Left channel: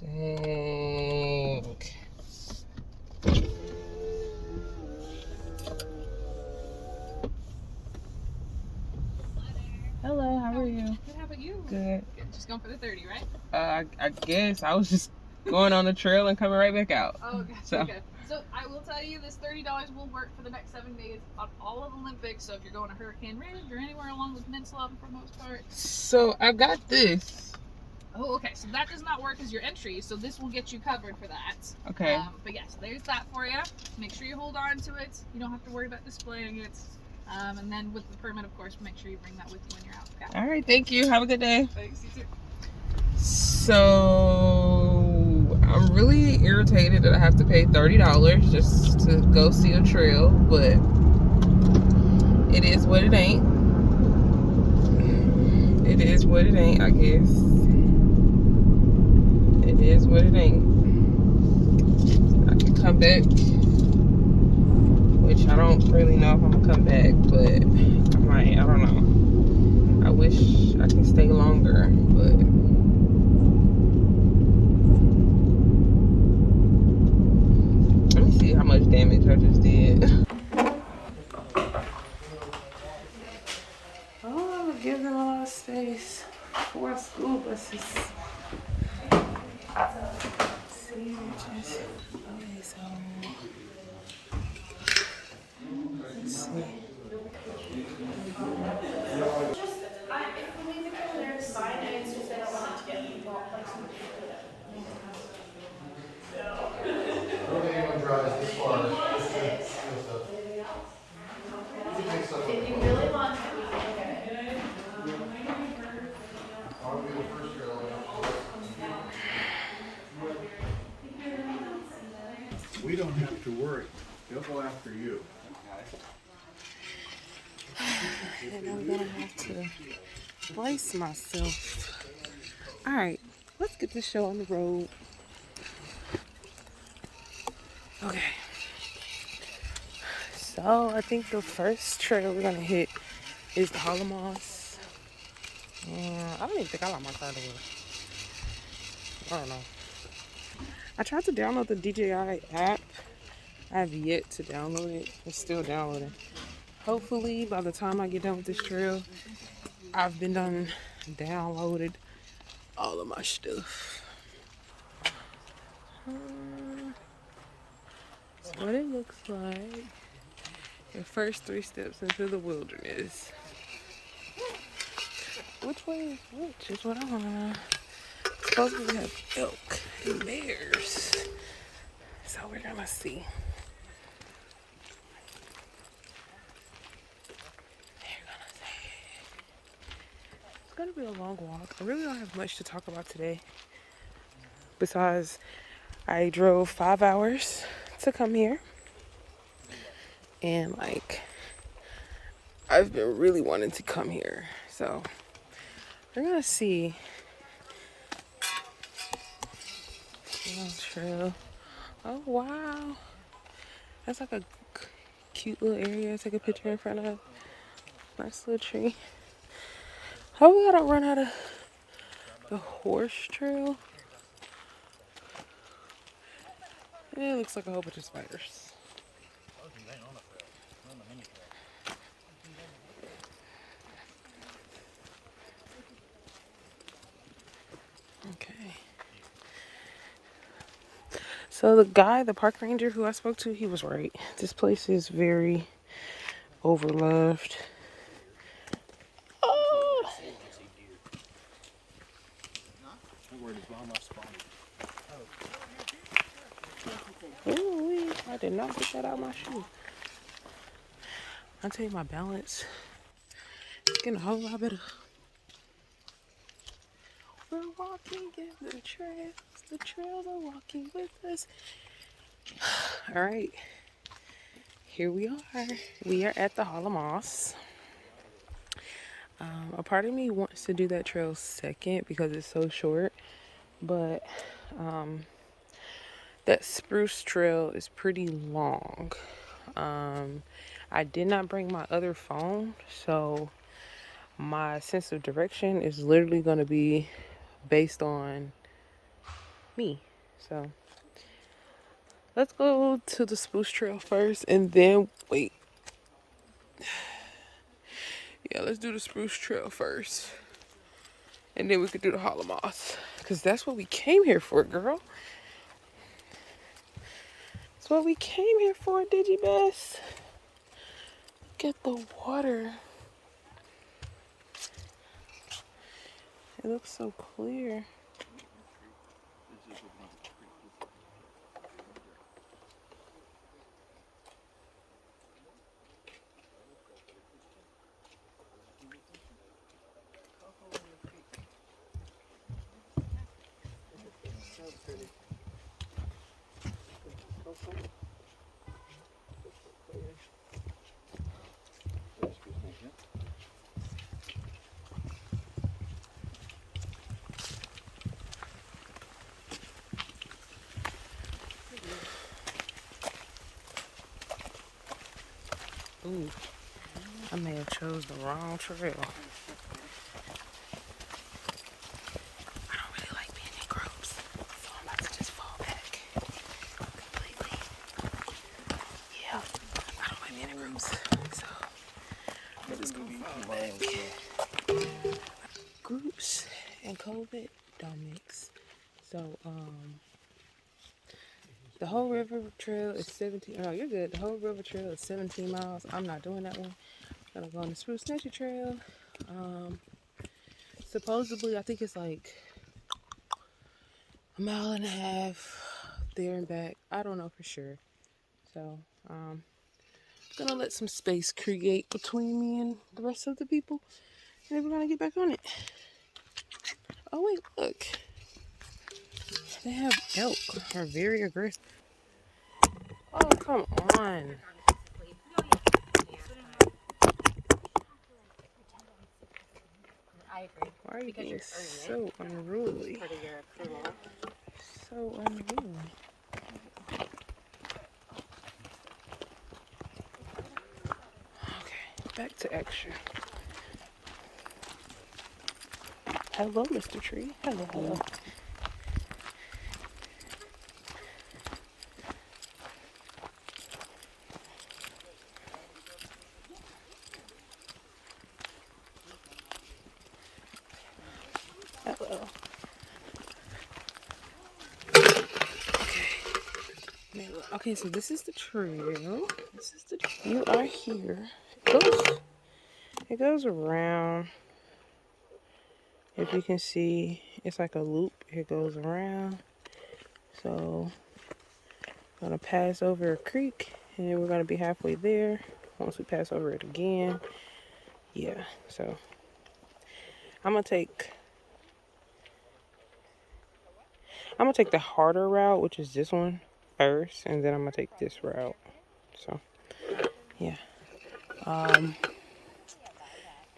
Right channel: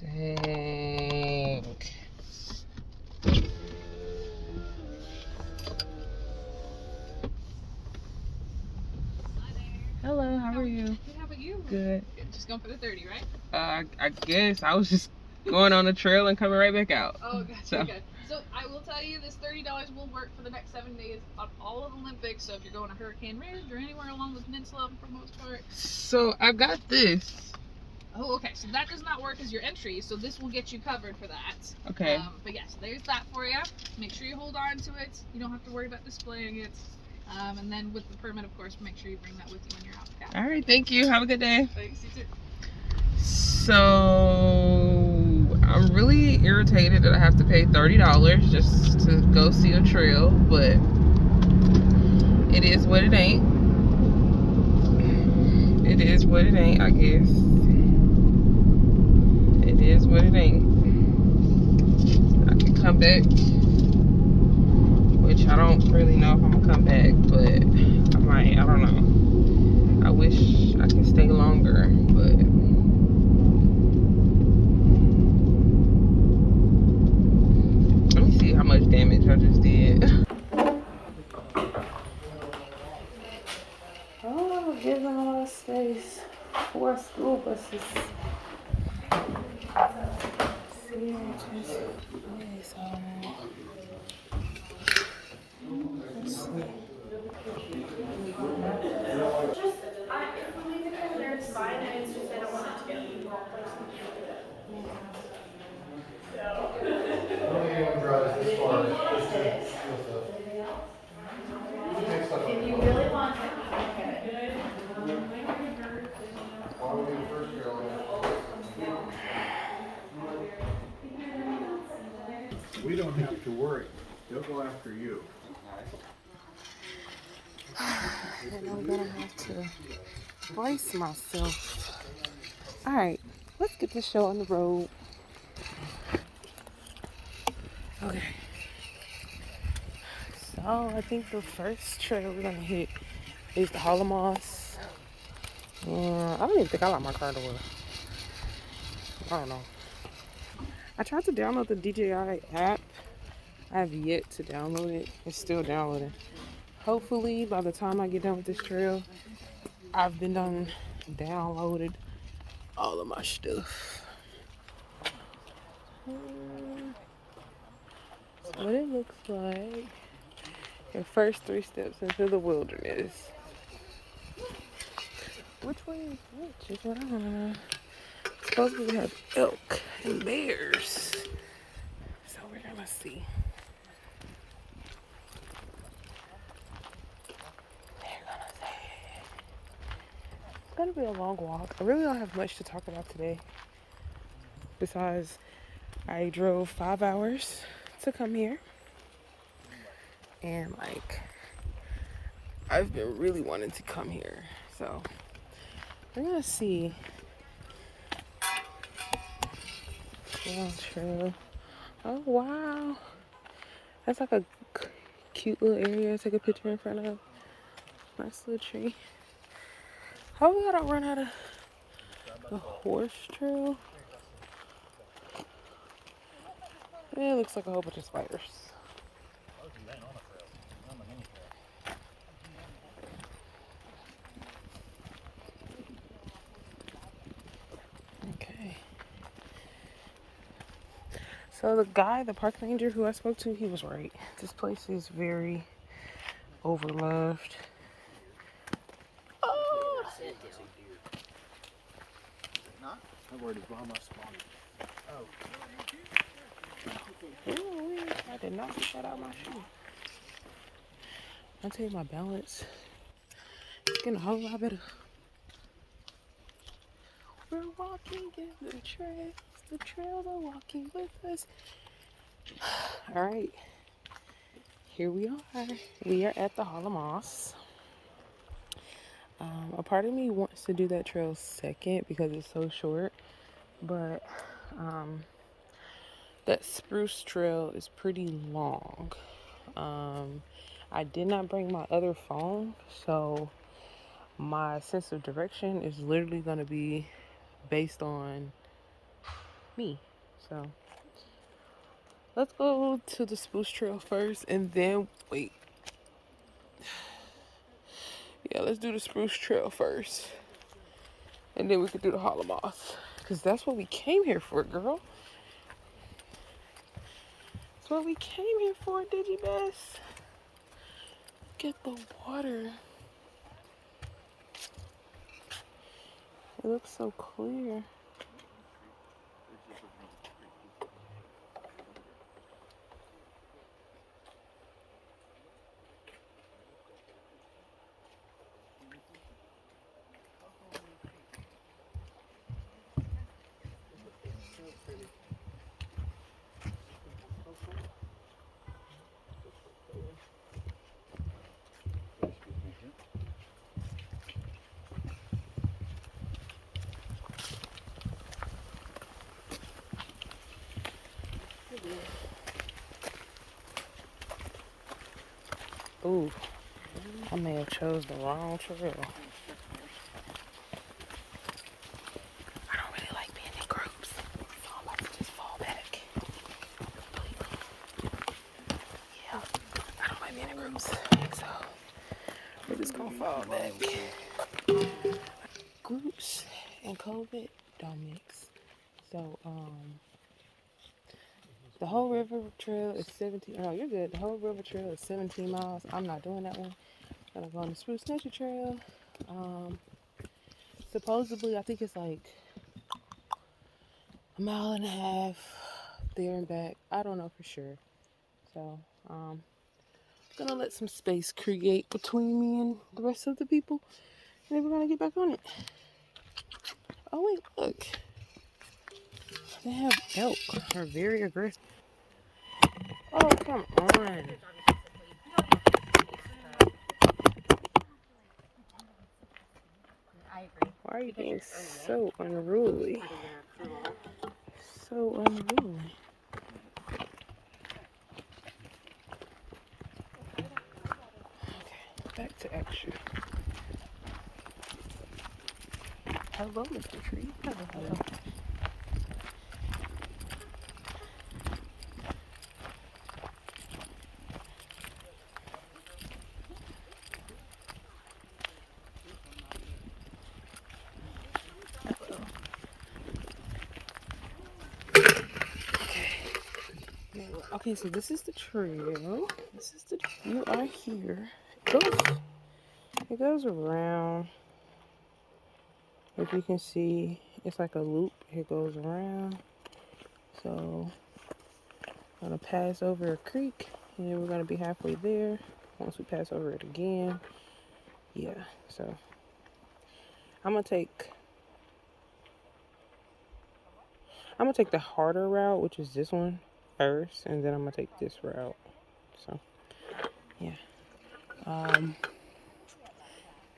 Dang. Hello, how are you? Good, how about you? Good. Just going for the 30, right? I guess I was just going on the trail and coming right back out. Oh, gotcha, okay. So I will tell you, this $30 will work for the next 7 days on all of the Olympics. So if you're going to Hurricane Ridge or anywhere along the peninsula for the most part. So I got this. Oh, okay. So that does not work as your entry. So this will get you covered for that. Okay. But yes, there's that for you. Make sure you hold on to it. You don't have to worry about displaying it. And then with the permit, of course, make sure you bring that with you when you're out. Okay? All right, thank you. Have a good day. Thanks, you too. So I'm really irritated that I have to pay $30 just to go see a trail, but it is what it ain't. It is what it ain't, I guess. It is what it ain't. I can come back, which I don't really know if I'm gonna come back, but I might. I don't know. I wish I could stay longer, but let me see how much damage I just did. Oh, give them a lot of space for school buses. See, just okay, so let's see. Anyone drives this far, if you really want to, we can do it. Why would be the first trail? We don't have to worry. They'll go after you. And I'm gonna have to brace myself. All right, let's get this show on the road. Okay. So I think the first trail we're gonna hit is the Hollow Moss. I don't even think I like my car to work. I don't know. I tried to download the DJI app. I have yet to download it. It's still downloading. Hopefully by the time I get done with this trail, I've been done downloaded all of my stuff. That's what it looks like. The first 3 steps into the wilderness. Which way is which is what I want to know. Supposedly we have elk and bears. So we're gonna see. It's gonna be a long walk. I really don't have much to talk about today. Besides, I drove 5 hours to come here. And like, I've been really wanting to come here. So we're gonna see. Trail. Oh wow. That's like a cute little area to take a picture in front of. Nice little tree. How we gotta run out of the horse trail? It looks like a whole bunch of spiders. Okay. So the park ranger who I spoke to, he was right. This place is very overloved. Ooh, I did not get that out of my shoe. I'll tell you, my balance is getting a whole lot better. We're walking in the trails. The trails are walking with us. All right. Here we are. We are at the Hollow Moss. A part of me wants to do that trail second because it's so short. But that Spruce Trail is pretty long. I did not bring my other phone, so my sense of direction is literally going to be based on me. So let's go to the Spruce Trail first and then wait. Yeah, let's do the Spruce Trail first. And then we could do the Hollow Moss. Because that's what we came here for, girl. That's what we came here for, Digibest. Get the water. It looks so clear. Ooh, I may have chose the wrong trail. I don't really like being in groups, so I'm about to just fall back completely. Yeah, I don't like being in groups, so we're just gonna fall back. Groups and COVID don't mix. So, the whole river trail is 17. No, you're good. The whole river trail is 17 miles. I'm not doing that one. I'm gonna go on the Spruce Nature Trail. Supposedly, I think it's like a mile and a half there and back. I don't know for sure. So, gonna let some space create between me and the rest of the people. And then we're gonna get back on it. Oh, wait, look. They have elk. Are very aggressive. Oh, come on. Why are you being so unruly? So unruly. Okay, back to extra. Hello, Mr. Tree. Hello, hello. Hello. Okay. Okay, so this is the trail. You are here. It goes around. If you can see, it's like a loop. It goes around. So, I'm gonna pass over a creek, and then we're gonna be halfway there. Once we pass over it again, yeah. So, I'm gonna take the harder route, which is this one first, and then I'm gonna take this route. So, yeah.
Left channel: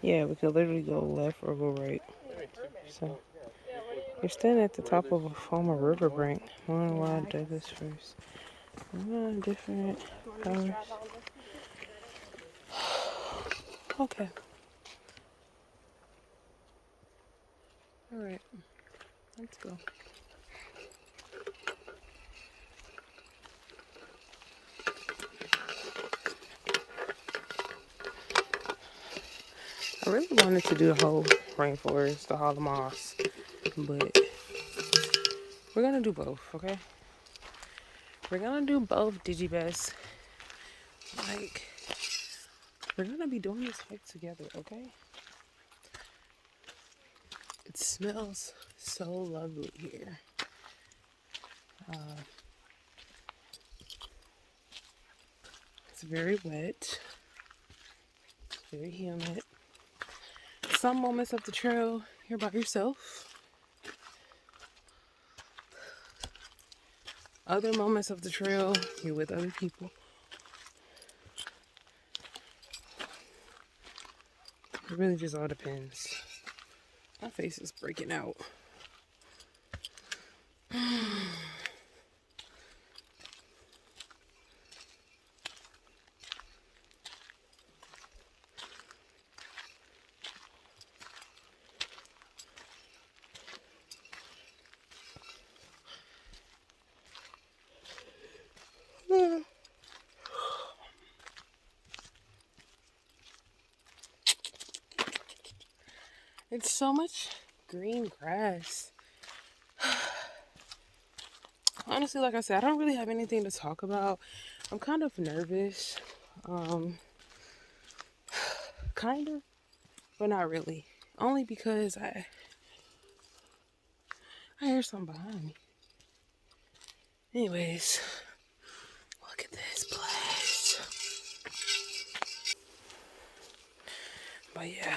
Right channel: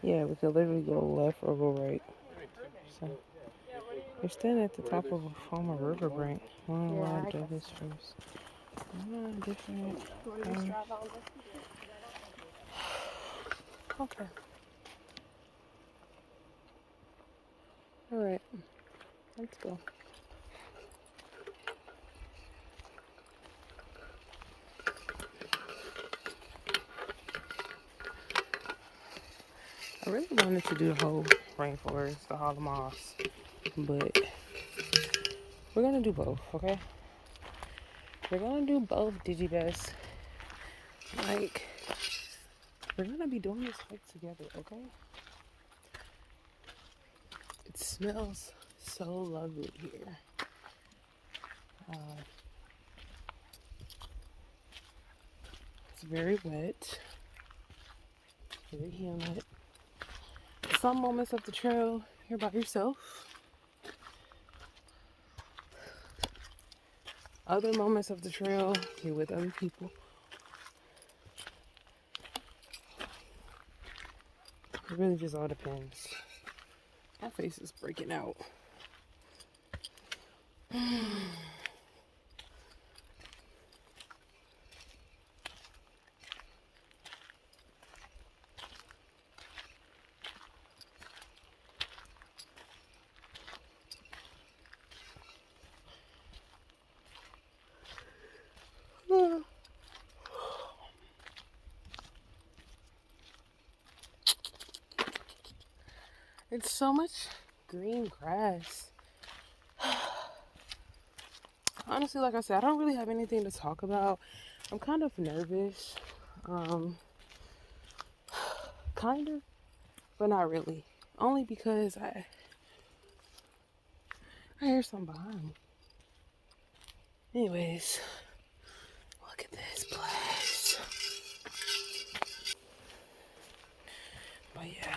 Yeah, we could literally go left or go right. So, you're standing at the top of a former riverbank. I don't know why I did this first. Different colors. Okay. Alright. Let's go. I really wanted to do the whole rainforest, the hollow moss, but we're gonna do both, okay? We're gonna do both, Digibest. Like, we're gonna be doing this hike together, okay? It smells so lovely here. It's very wet, very humid. Some moments of the trail, you're by yourself. Other moments of the trail, you're with other people. It really just all depends. My face is breaking out. It's so much green grass. Honestly, like I said, I don't really have anything to talk about. I'm kind of nervous. Kind of, but not really. Only because I hear something behind me. Anyways, look at this place. But yeah.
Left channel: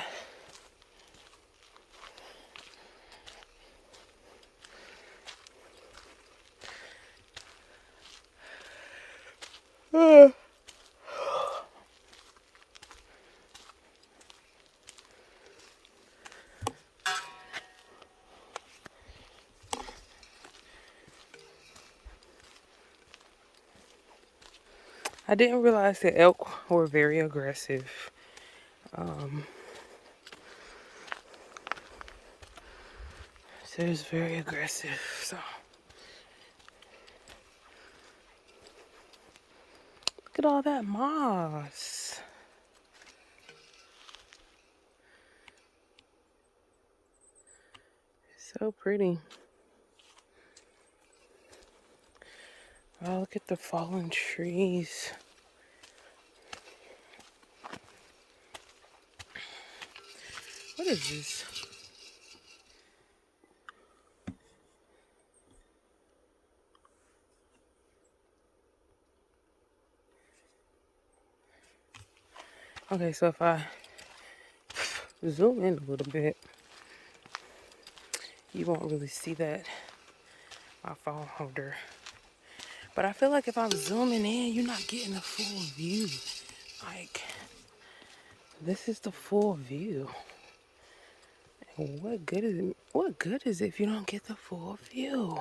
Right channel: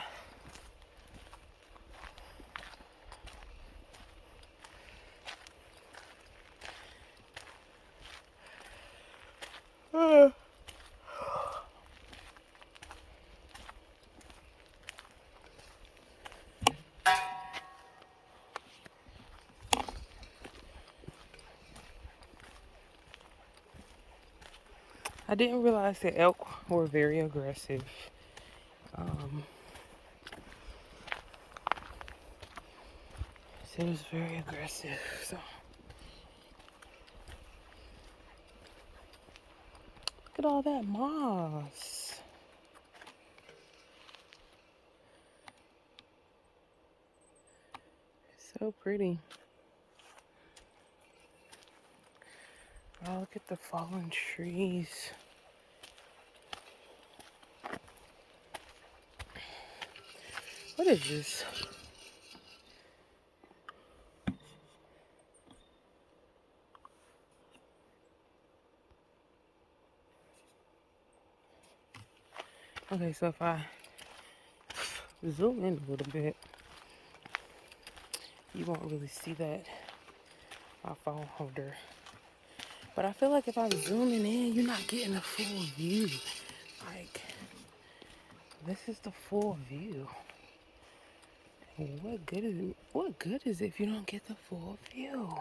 I didn't realize that elk were very aggressive. So it's very aggressive. So look at all that moss. So pretty. Oh, look at the fallen trees. What is this? Okay, so if I zoom in a little bit, you won't really see that, my phone holder. But I feel like if I'm zooming in, you're not getting a full view. Like, this is the full view. And what good is it? What good is it if you don't get the full view?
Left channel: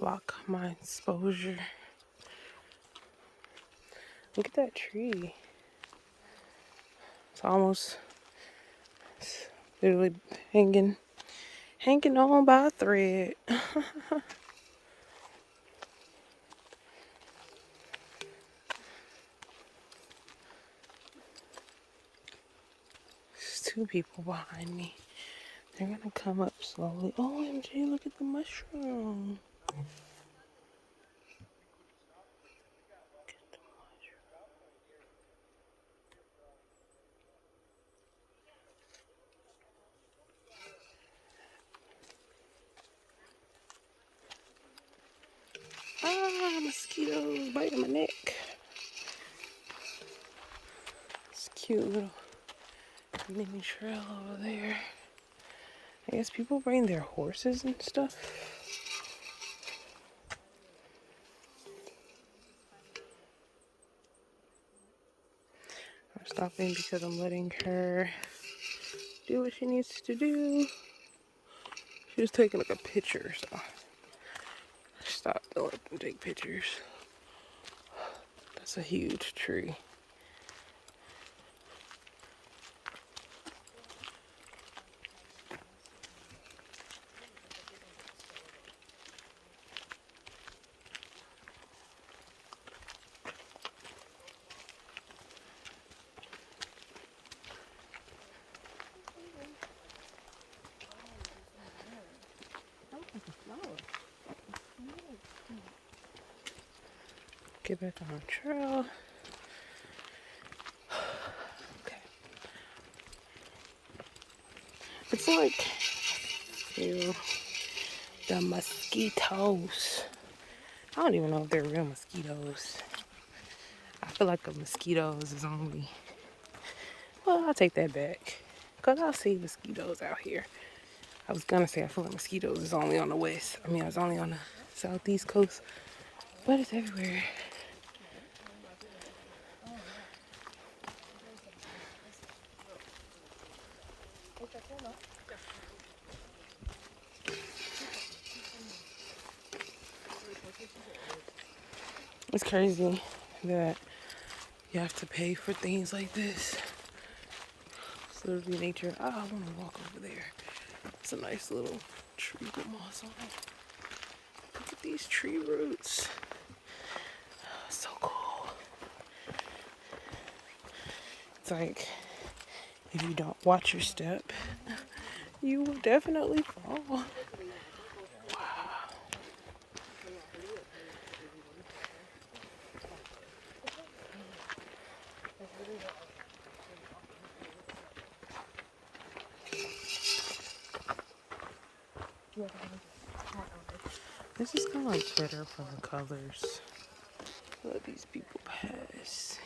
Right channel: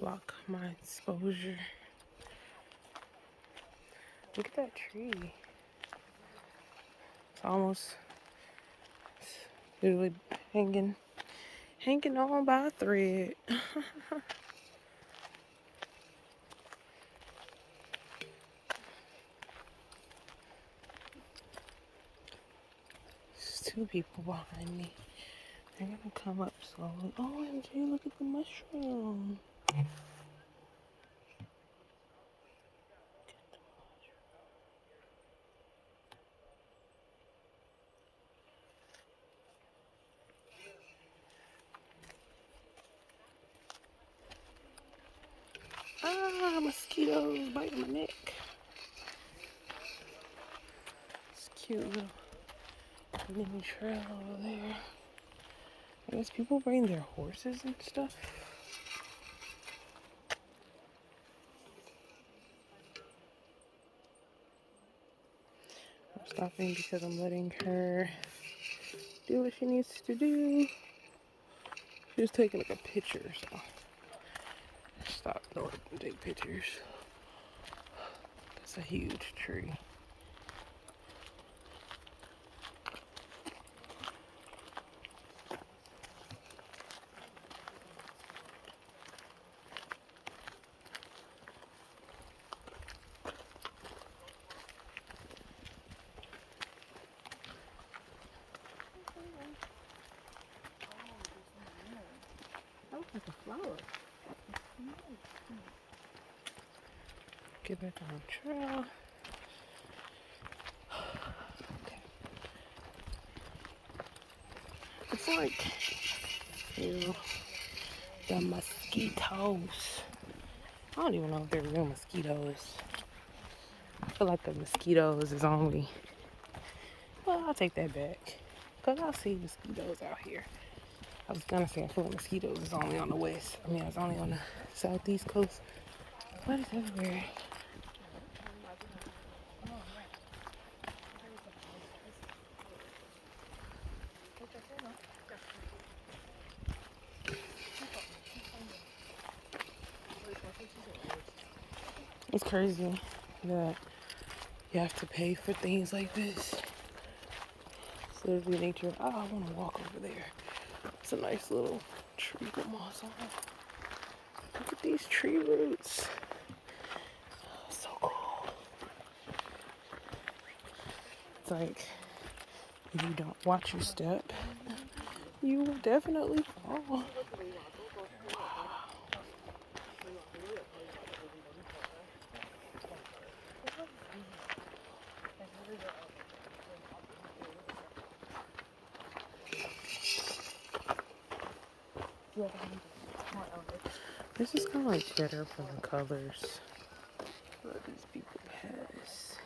Lock my exposure. Look at that tree. It's literally hanging on by a thread. There's two people behind me. They're gonna come up slowly. OMG, look at the mushroom. Ah, mosquitoes biting my neck. It's cute little mini trail over there. I guess people bring their horses and stuff. I'm stopping because I'm letting her do what she needs to do. She was taking like a picture, so I stopped to let them take pictures. That's a huge tree. Looks like a flower. Get back on the trail. Okay. It's like, ew, the mosquitoes. I don't even know if they're real mosquitoes. I feel like the mosquitoes is only, well, I'll take that back. Because I see mosquitoes out here. I was gonna say I feel like mosquitoes is only on the west. I mean, it's only on the southeast coast. But it's everywhere. It's crazy that you have to pay for things like this. It's literally nature. Oh, I want to walk over there. It's a nice little tree with moss on it. Look at these tree roots. So cool. It's like if you don't watch your step, you will definitely fall. This is kind of like better for the colors. Let these people pass.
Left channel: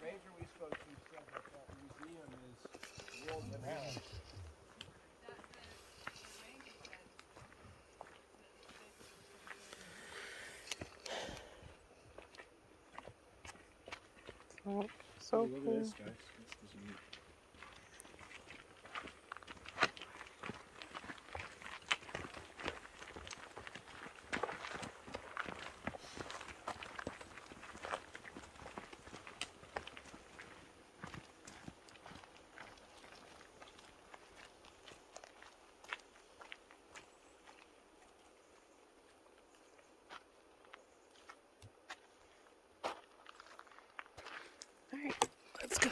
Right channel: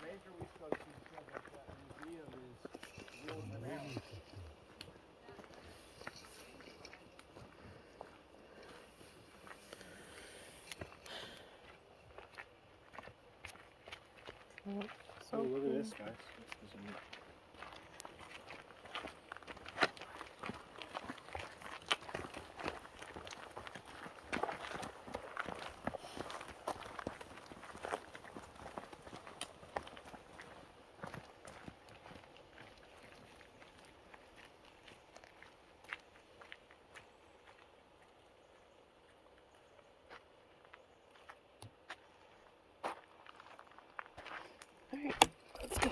Ranger we spoke to said that museum is world renowned. So look cool. at this, guys. This is neat. All right, let's go.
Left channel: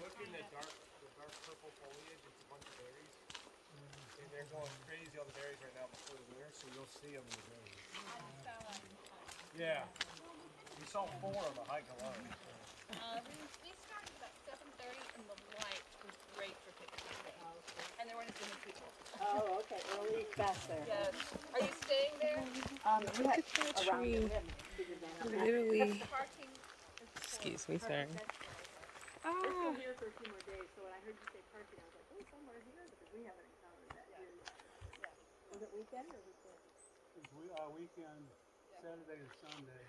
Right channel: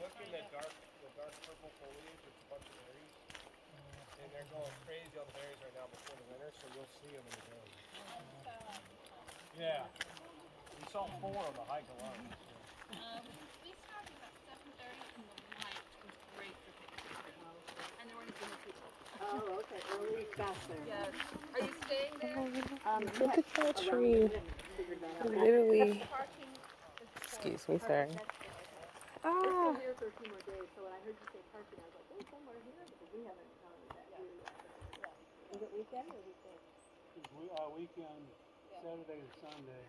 Look in the dark purple foliage. It's a bunch of berries, and they're going crazy on the berries right now before the winter. So you'll see them in the berries. Yeah, we saw 4 on the hike alone. So. We started about 7:30 and the light was great for pictures. And there weren't any people. Oh, okay, really fast there. Yes. Are you staying there? Look at that tree. Literally. Excuse me, sorry. Ah. Here for a few more days, so when I heard you say parking, I was like, oh, somewhere here, because we haven't encountered that here yet. Is it weekend or weekday? It's weekend, Saturday to Sunday.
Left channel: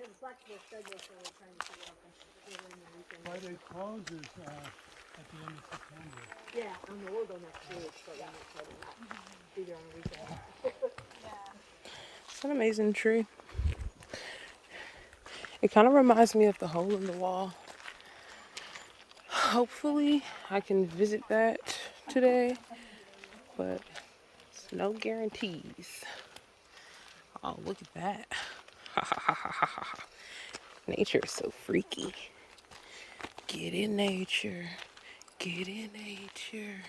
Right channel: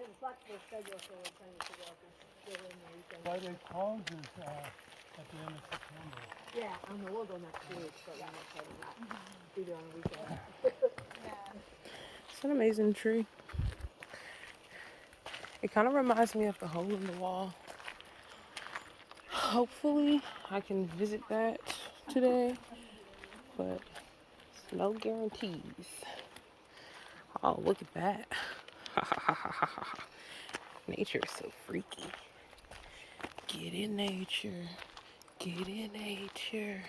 It's flexible schedule, so we're trying to figure out the in the weekend. Friday closes at the end of September. Yeah, we'll go next week, so we're not trying to be there on the weekend. It's an amazing tree. It kind of reminds me of the hole in the wall. Hopefully, I can visit that today, but it's no guarantees. Oh, look at that. Nature is so freaky. Get in nature. Get in nature.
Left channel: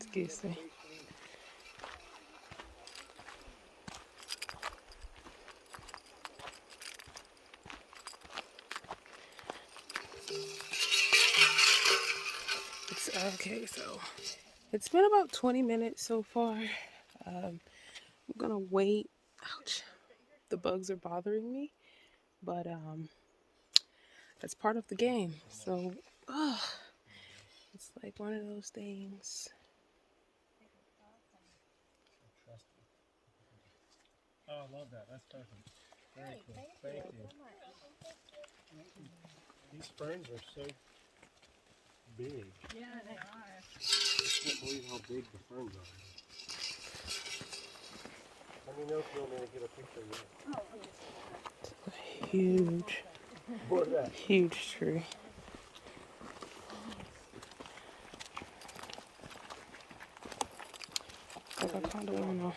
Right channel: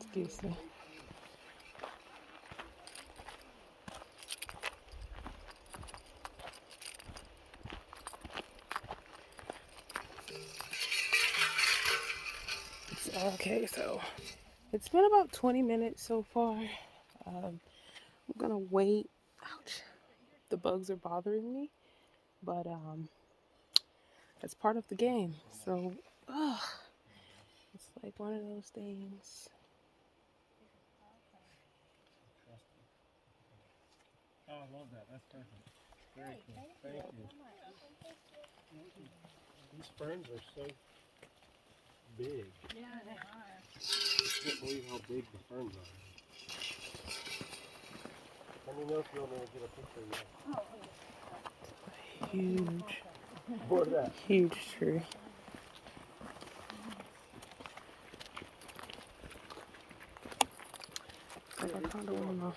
Excuse me. It's okay, so it's been about 20 minutes so far. I'm gonna wait. Ouch. The bugs are bothering me, but that's part of the game. So, it's like one of those things. Oh, I love that. That's perfect. Very cool. Thank you. These ferns are so big. Yeah, they are. I can't believe how big the ferns are. Let me know if you want me to get a picture of you. Huge. What is that? Huge tree. Like I kind of wanna.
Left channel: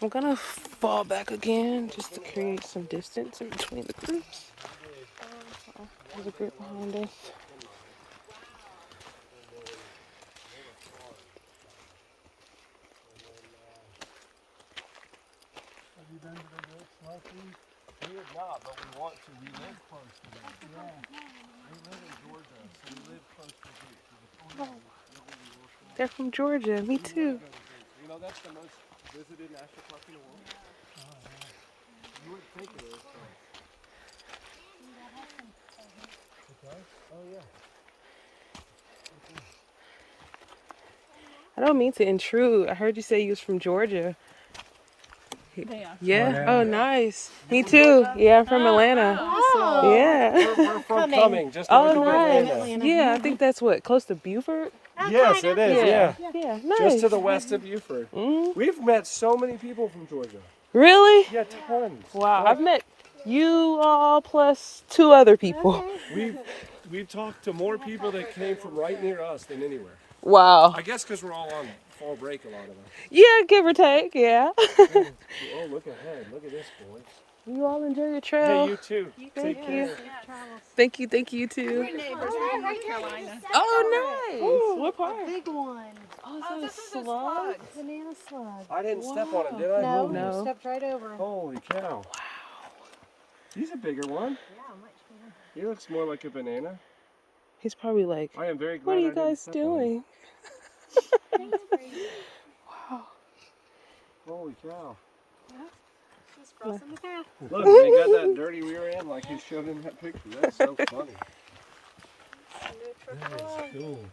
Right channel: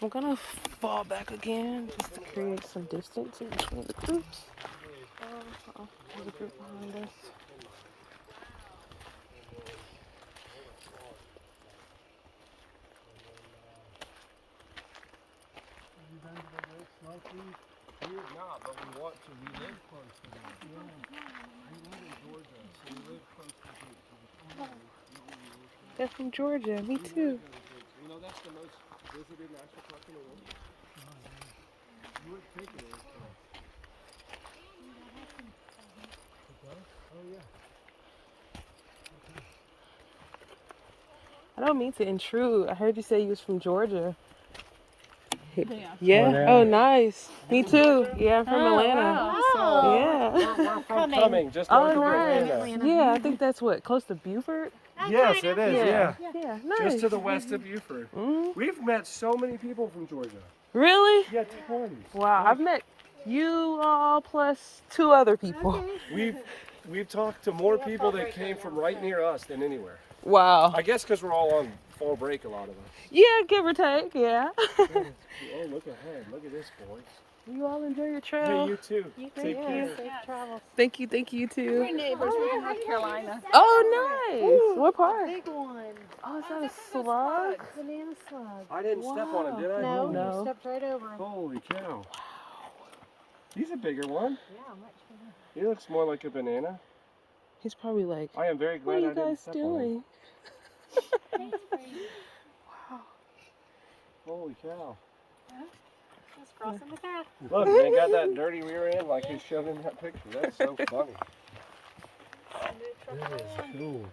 I'm gonna fall back again just to create some distance in between the groups. Oh, there's a group behind us. Have you been to the lake snorkeling? We have not, but we want to. We live close to them. Yeah. I live in Georgia, so we live close to here. So we told you we don't want to be They're from Georgia. Me too. You know, that's the most visited national park in the world. You would think it is. I don't mean to intrude. I heard you say you was from Georgia. Yeah. Yeah? Oh, nice. Me too. Yeah, I'm from Atlanta. Wow. Yeah. We're from Cumming, just Oh, north of nice. Atlanta. Yeah, I think that's what, close to Beaufort? Yes, it is, yeah. Yeah, Just nice. to the west of Beaufort. Mhm. We've met so many people from Georgia. Really? Yeah, tons. Wow, I've met you all plus 2 other people. We've talked to more people that came from right near us than anywhere. Wow. I guess because we're all on fall break, a lot of us. Yeah, give or take, yeah. Oh, look ahead. Look at this, boys. You all enjoy your trail. Hey, you too. Thank you. Safe travels. Thank you, you too. Neighbors from North Carolina. Oh, nice. What part? Big one. Oh, is that a slug? Banana slug. I didn't step on it, did I? No, No. stepped right over. Holy cow. Wow. He's a bigger one. Yeah, much bigger. He looks more like a banana. He's probably like, I am very glad what are I you didn't guys step on doing? That's crazy. it. Holy cow. Just crossing the path. Look, they got that dirty rear end like he showed in that picture. That's so funny. That is cool.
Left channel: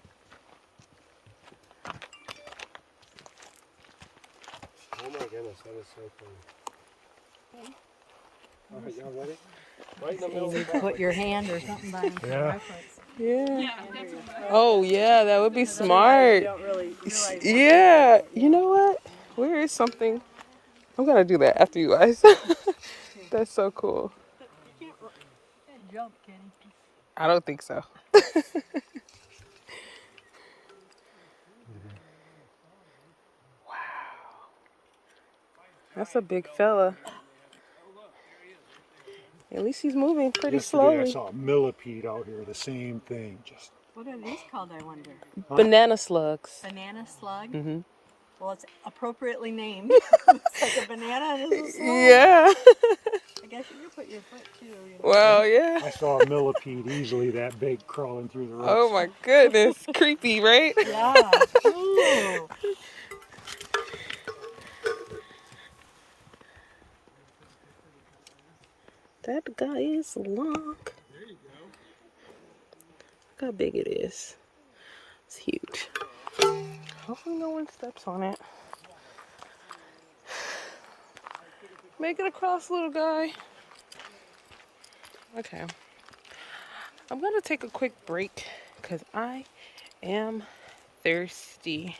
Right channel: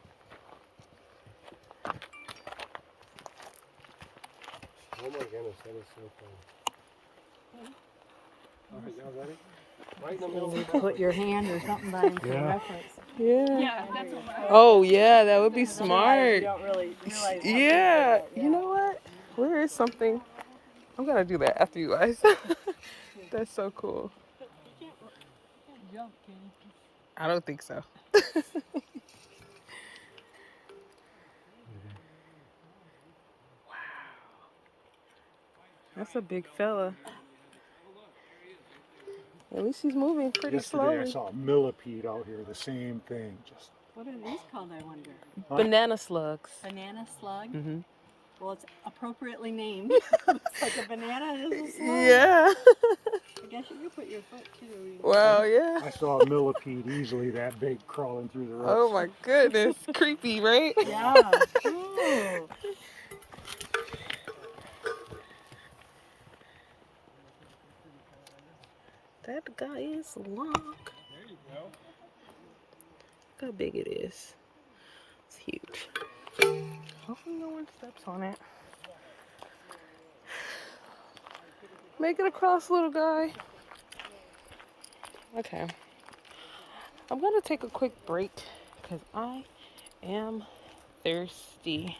Oh my goodness, that is so funny. All right, y'all ready? Right in the middle of the path. Put your hand or something by for reference. Yeah. Yeah, definitely. Oh, yeah, that would be smart. You don't really realize what Yeah. You know what? Where is something? I'm going to do that after you guys. That's so cool. you can't jump, Kenny. I don't think so. That's a big fella. At least he's moving pretty Yesterday I slowly. saw a millipede out here, the same thing. Just What are these called, I wonder? Banana slugs. Banana slug? Mhm. Well, it's appropriately named. It's like a banana and it's a slug. Yeah. I guess you could put your foot too. You know? Well, yeah. I saw a millipede easily that big crawling through the roots. Oh my goodness. Creepy, right? Yeah. Ooh. That guy is long. There you go. Look how big it is. It's huge. Hopefully no one steps on it. Make it across, little guy. Okay. I'm gonna take a quick break because I am thirsty.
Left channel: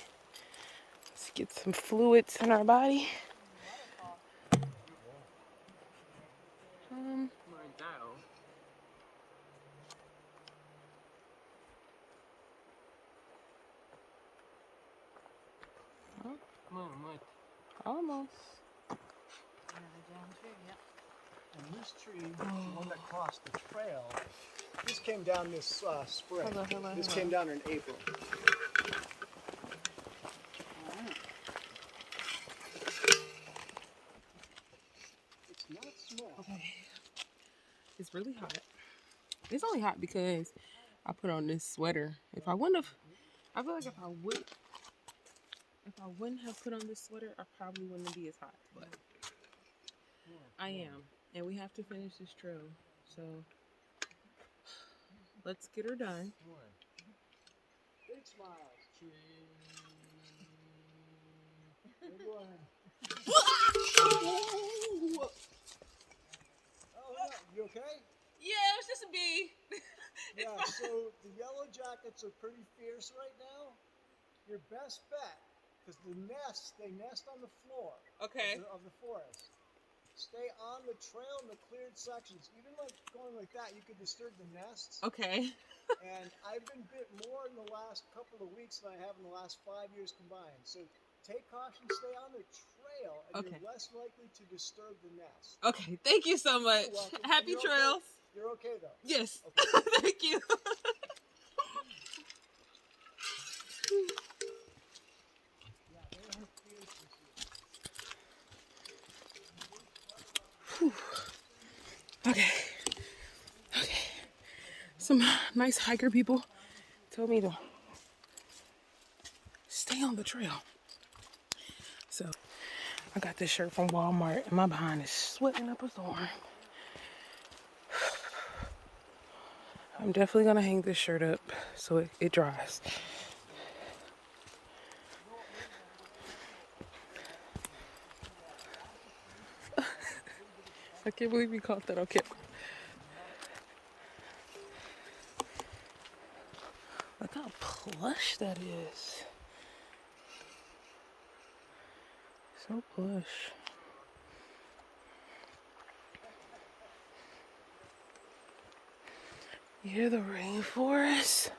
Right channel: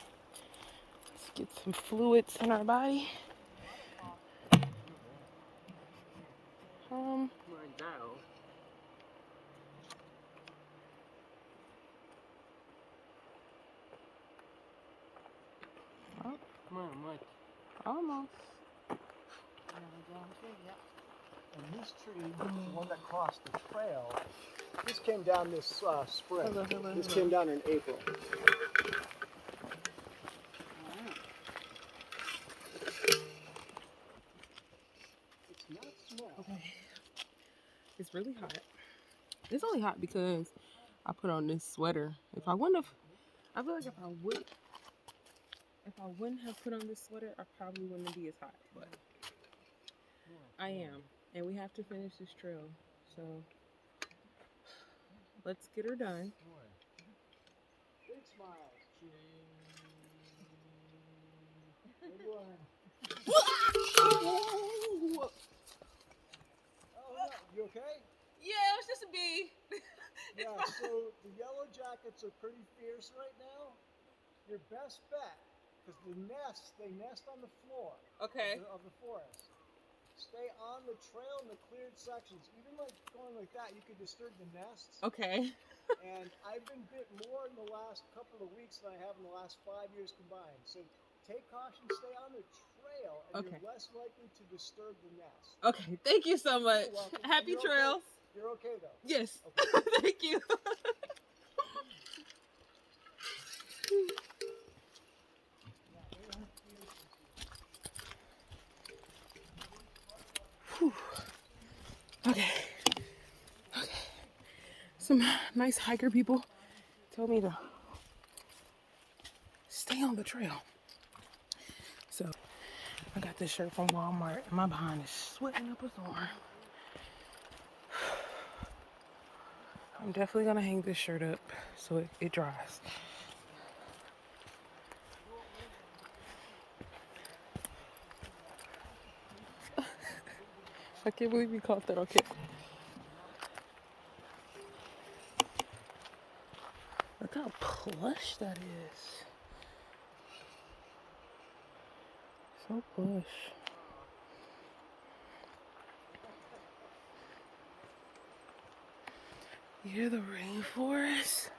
Let's get some fluids in our body. Come on, Mike. Almost. And this tree, the one that crossed the trail, this came down this spring. Hello. This came down in April. It's not small. Okay. It's really hot. It's only hot because I put on this sweater. If I wouldn't have, I feel like if I wouldn't have put on this sweater, I probably wouldn't be as hot. But I am, and we have to finish this trail. So let's get her done. Big smiles. You okay? Yeah, it's just a bee. Yeah, so the yellow jackets are pretty fierce right now. Your best bet, because they nest on the floor Okay. of the forest. Stay on the trail in the cleared sections. Even like going like that, you could disturb the nests. Okay. And I've been bit more in the last couple of weeks than I have in the last 5 years combined. So take caution, stay on the trail, and Okay. you're less likely to disturb the nest. Okay. Thank you so much. You're welcome. Happy You're okay. trails. You're okay though. Yes. Okay. Thank you. Whew. Okay. Some nice hiker people told me to stay on the trail. So I got this shirt from Walmart and my behind is sweating up a storm. I'm definitely gonna hang this shirt up so it dries. I can't believe you caught that on camera. Look how plush that is. So plush. You hear the rainforest?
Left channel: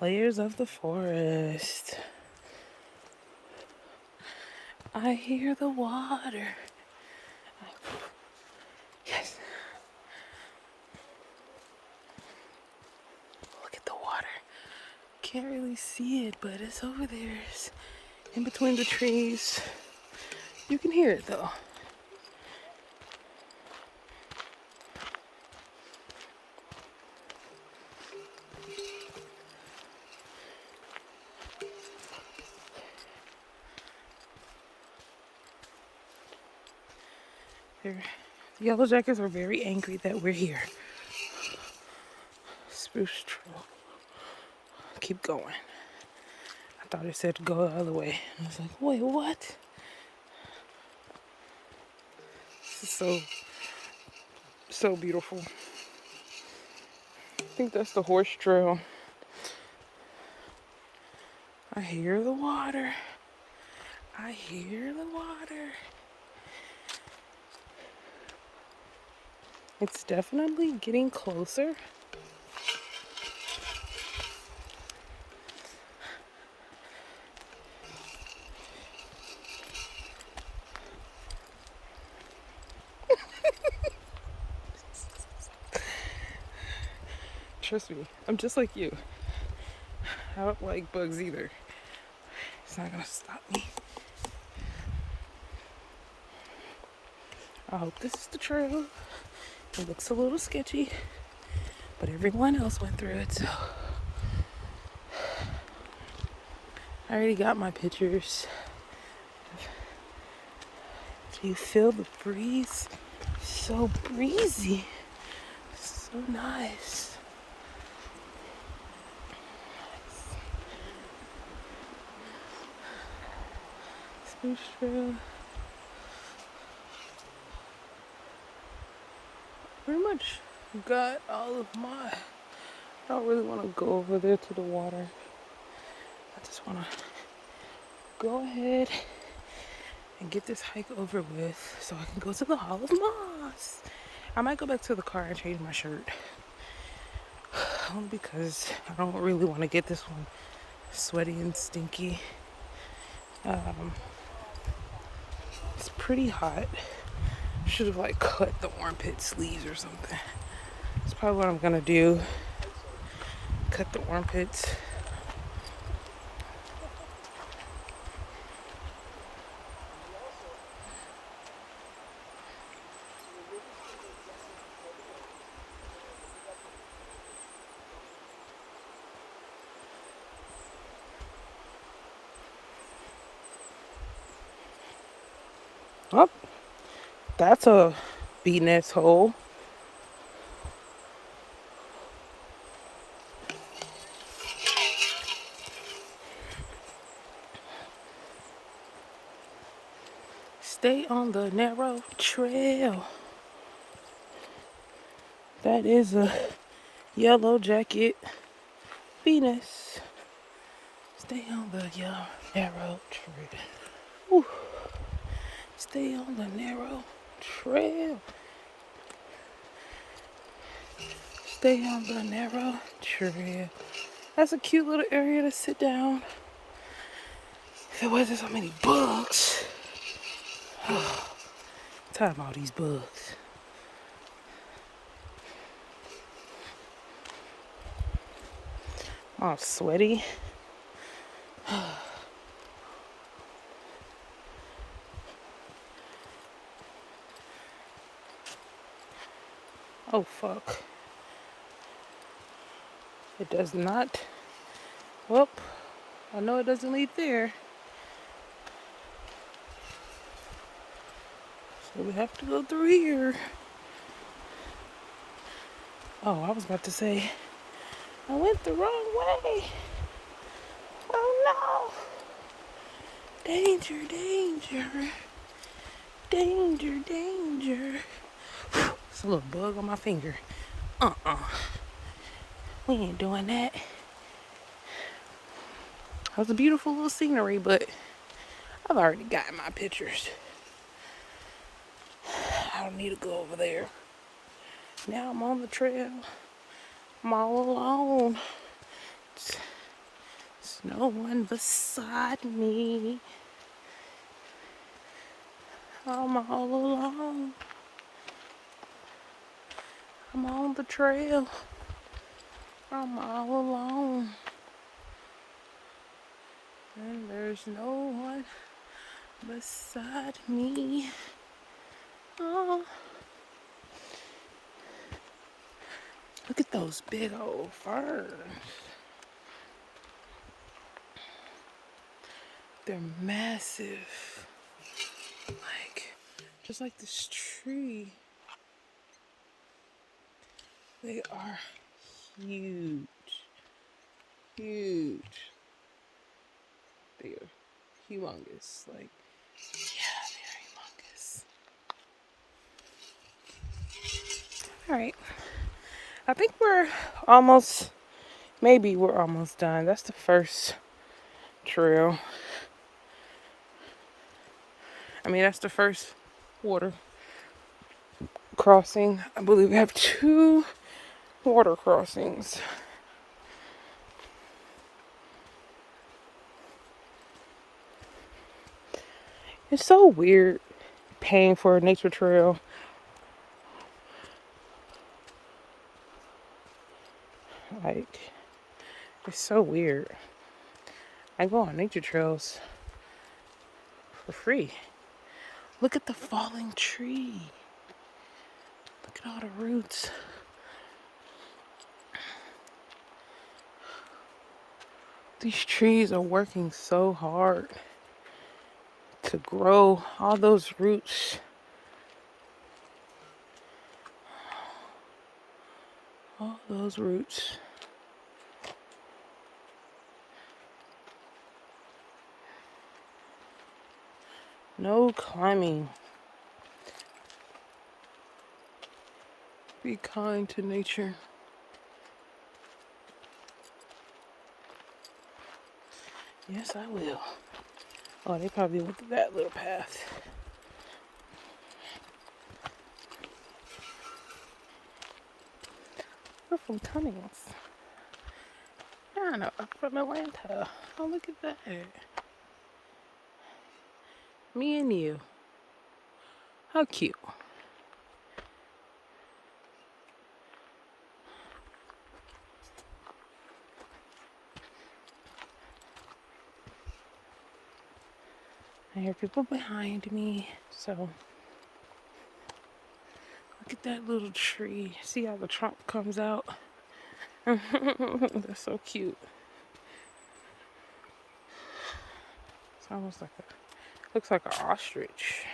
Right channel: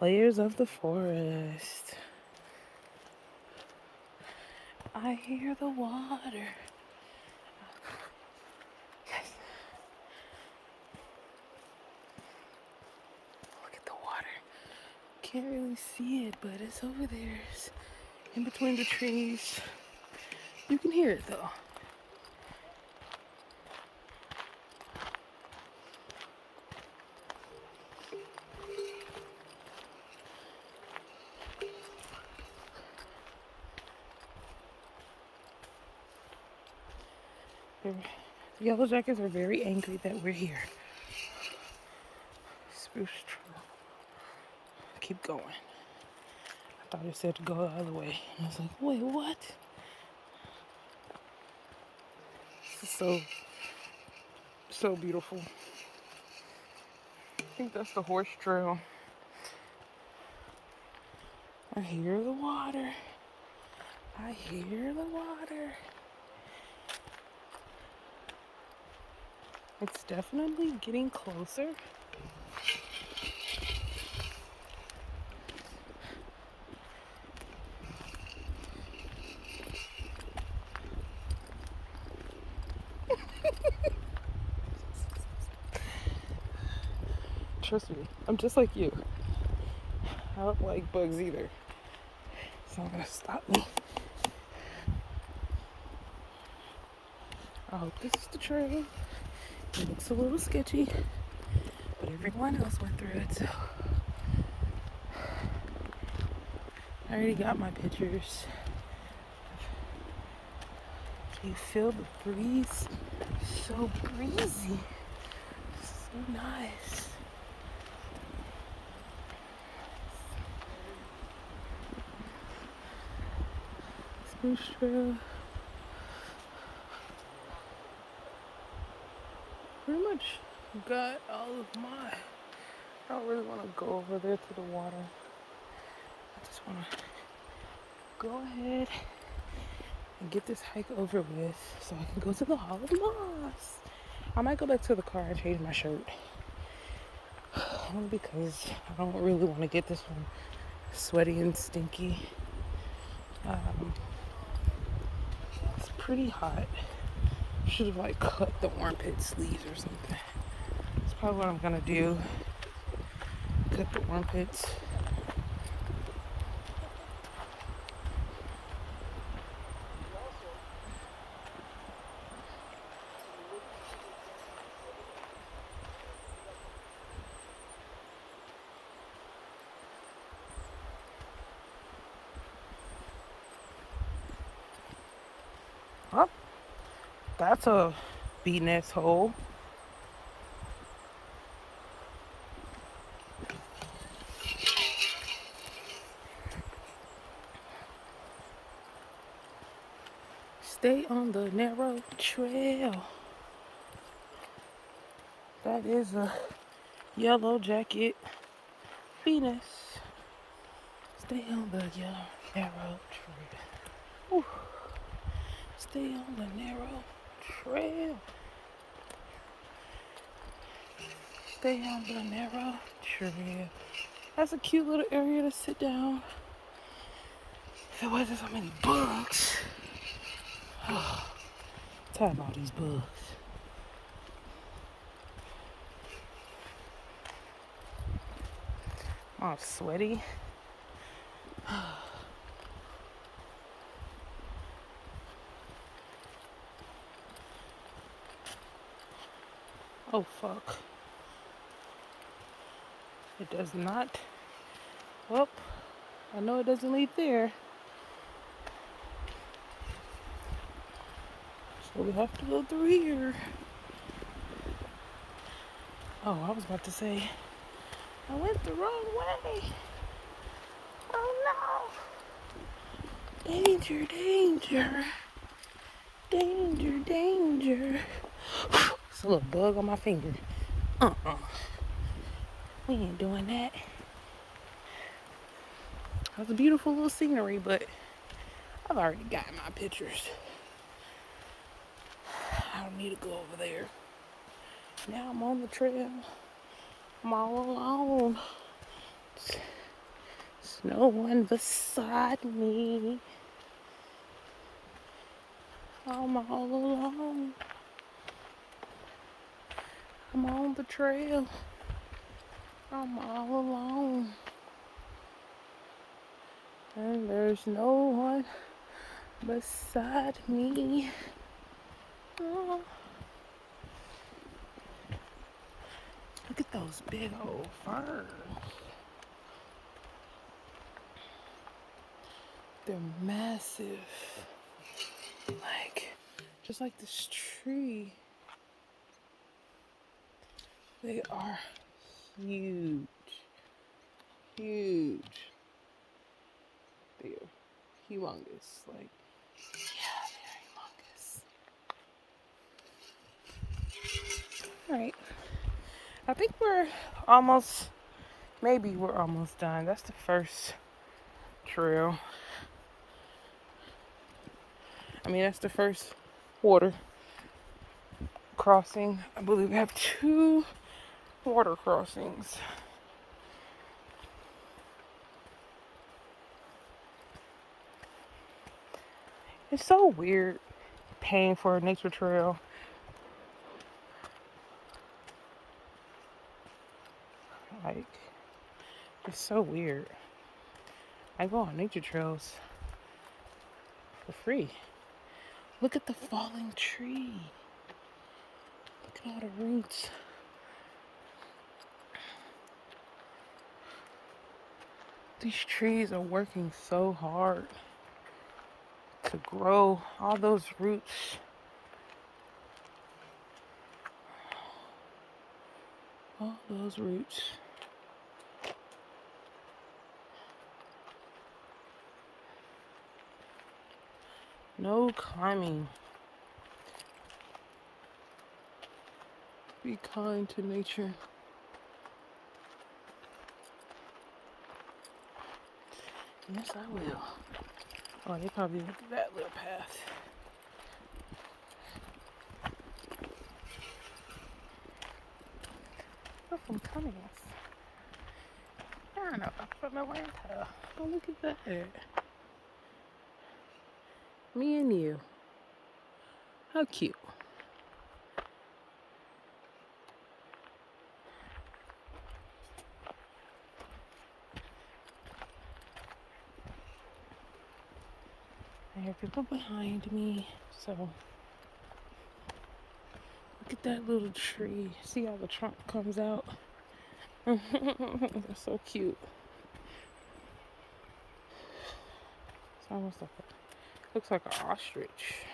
Layers of the forest. I hear the water. Yes. Look at the water. Can't really see it, but it's over there. It's in between the trees. You can hear it though. The yellow jackets are very angry that we're here. Spruce Trail. Keep going. I thought it said go the other way. I was like, wait, what? This is so beautiful. I think that's the horse trail. I hear the water. I hear the water. It's definitely getting closer. Trust me, I'm just like you. I don't like bugs either. It's not gonna stop me. I hope this is the trail. It looks a little sketchy, but everyone else went through it, so I already got my pictures. Do you feel the breeze? So breezy. So nice. Spruce Trail. Pretty much got all of my. I don't really want to go over there to the water. I just want to go ahead and get this hike over with so I can go to the Hall of Moss. I might go back to the car and change my shirt. Only because I don't really want to get this one sweaty and stinky. It's pretty hot. Should have like cut the armpit sleeves or something. That's probably what I'm gonna do. Cut the armpits. Oh, that's a bee nest hole. Stay on the narrow trail. That is a yellow jacket bee nest. Stay on the narrow trail. Ooh. Stay on the narrow trail. Stay on the narrow trail. That's a cute little area to sit down. If there wasn't so many bugs. Oh, tired of all these bugs. I'm all sweaty. Oh, fuck. It does not. Well, I know it doesn't lead there. So we have to go through here. Oh, I was about to say, I went the wrong way. Oh no. Danger, danger. Danger, danger. It's a little bug on my finger. We ain't doing that. It was a beautiful little scenery, but I've already got my pictures. I don't need to go over there. Now I'm on the trail. I'm all alone. There's no one beside me. I'm all alone. I'm on the trail. I'm all alone. And there's no one beside me. Oh. Look at those big old ferns. They're massive. Like, just like this tree. They are huge. Huge. They are humongous. Like, yeah, they're humongous. Alright. I think maybe we're almost done. That's the first trail. That's the first water crossing. I believe we have 2 water crossings. It's so weird paying for a nature trail. Like, it's so weird. I go on nature trails for free. Look at the fallen tree. Look at all the roots. These trees are working so hard to grow all those roots. All those roots. No climbing. Be kind to nature. Yes, I will. Oh, they probably went through that little path. We're from Tunnings. I know, I'm from Atlanta. Oh, look at that. Me and you. How cute. I hear people behind me, so look at that little tree. See how the trunk comes out? That's so cute. It's almost like looks like an ostrich.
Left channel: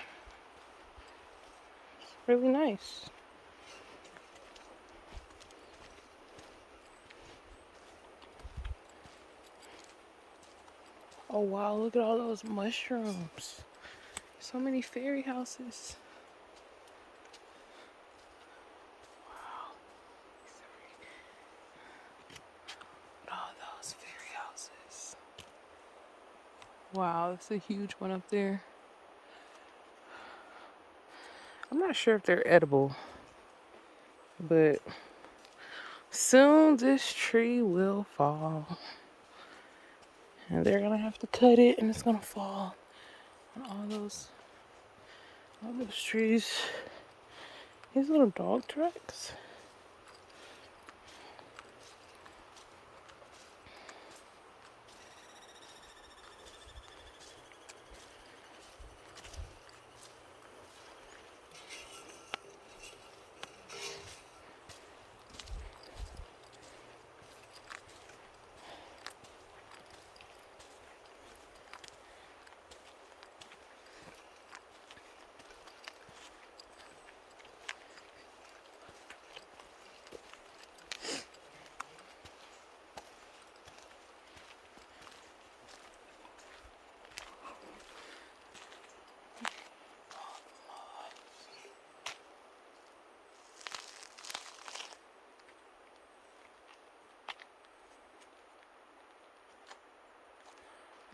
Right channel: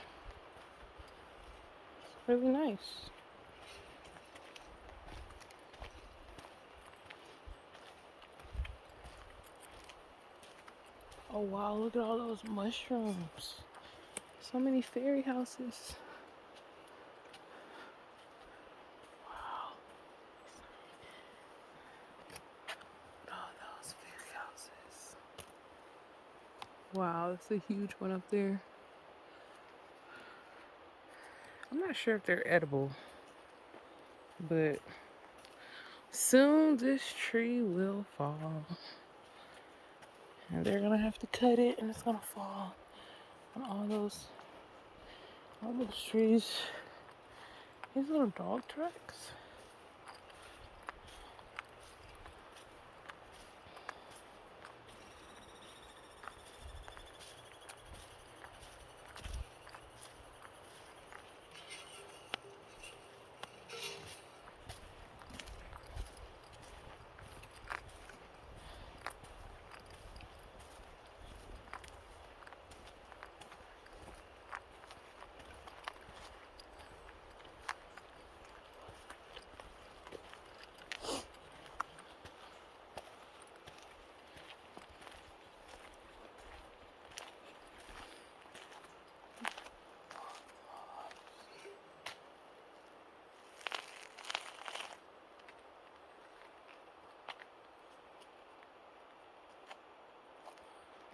It's really nice. Oh wow, look at all those mushrooms. So many fairy houses. Wow. Sorry. Oh, those fairy houses. Wow, that's a huge one up there. I'm not sure if they're edible, but soon this tree will fall. And they're gonna have to cut it and it's gonna fall on all those trees. These little dog tracks.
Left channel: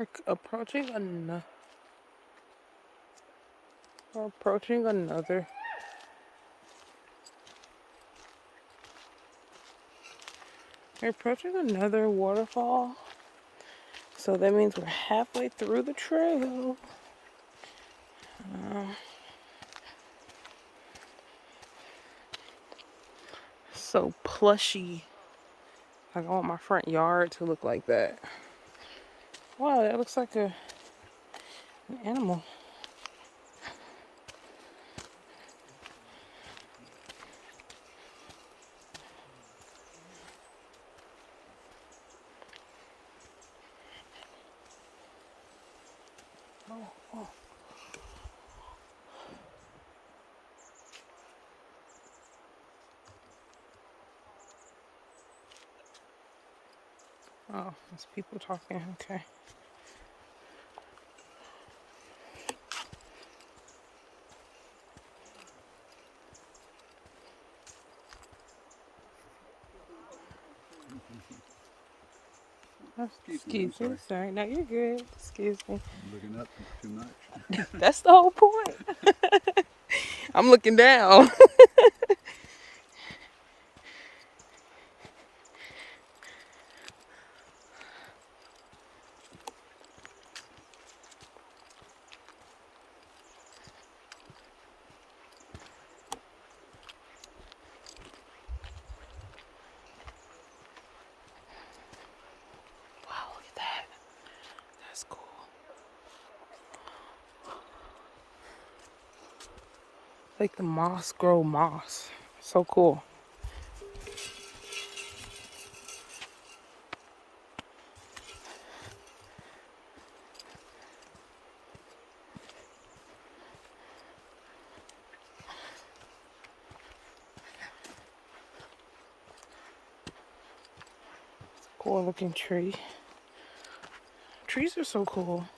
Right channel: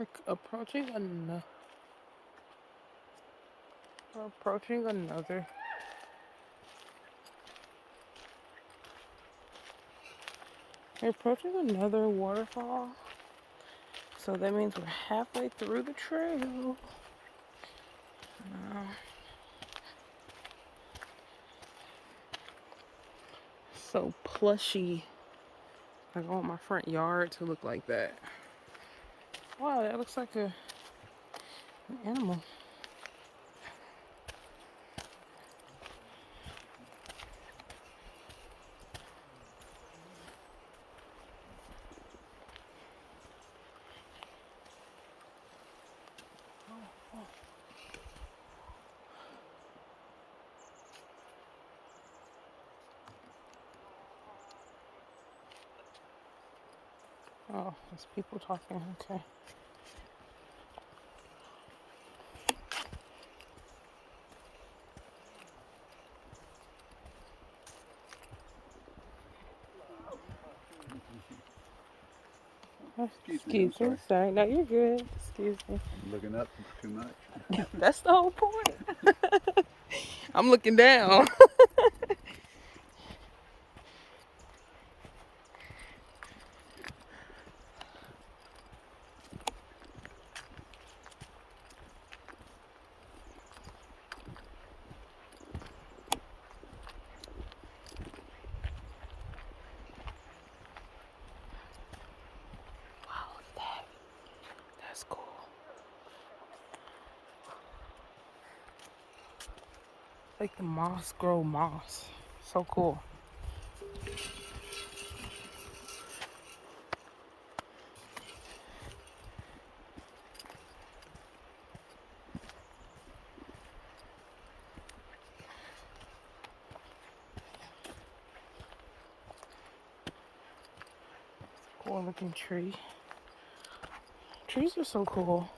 We're approaching another. We're approaching another waterfall. So that means we're halfway through the trail. So plushy. Like I want my front yard to look like that. Wow, that looks like an animal. Oh, there's people talking. Okay. Excuse me. Sorry. No, you're good. Excuse me. I'm looking up too much. That's the whole point. I'm looking down. Wow, look at that. That's cool. Like the moss grow moss. So cool. Cool looking tree. Trees are so cool.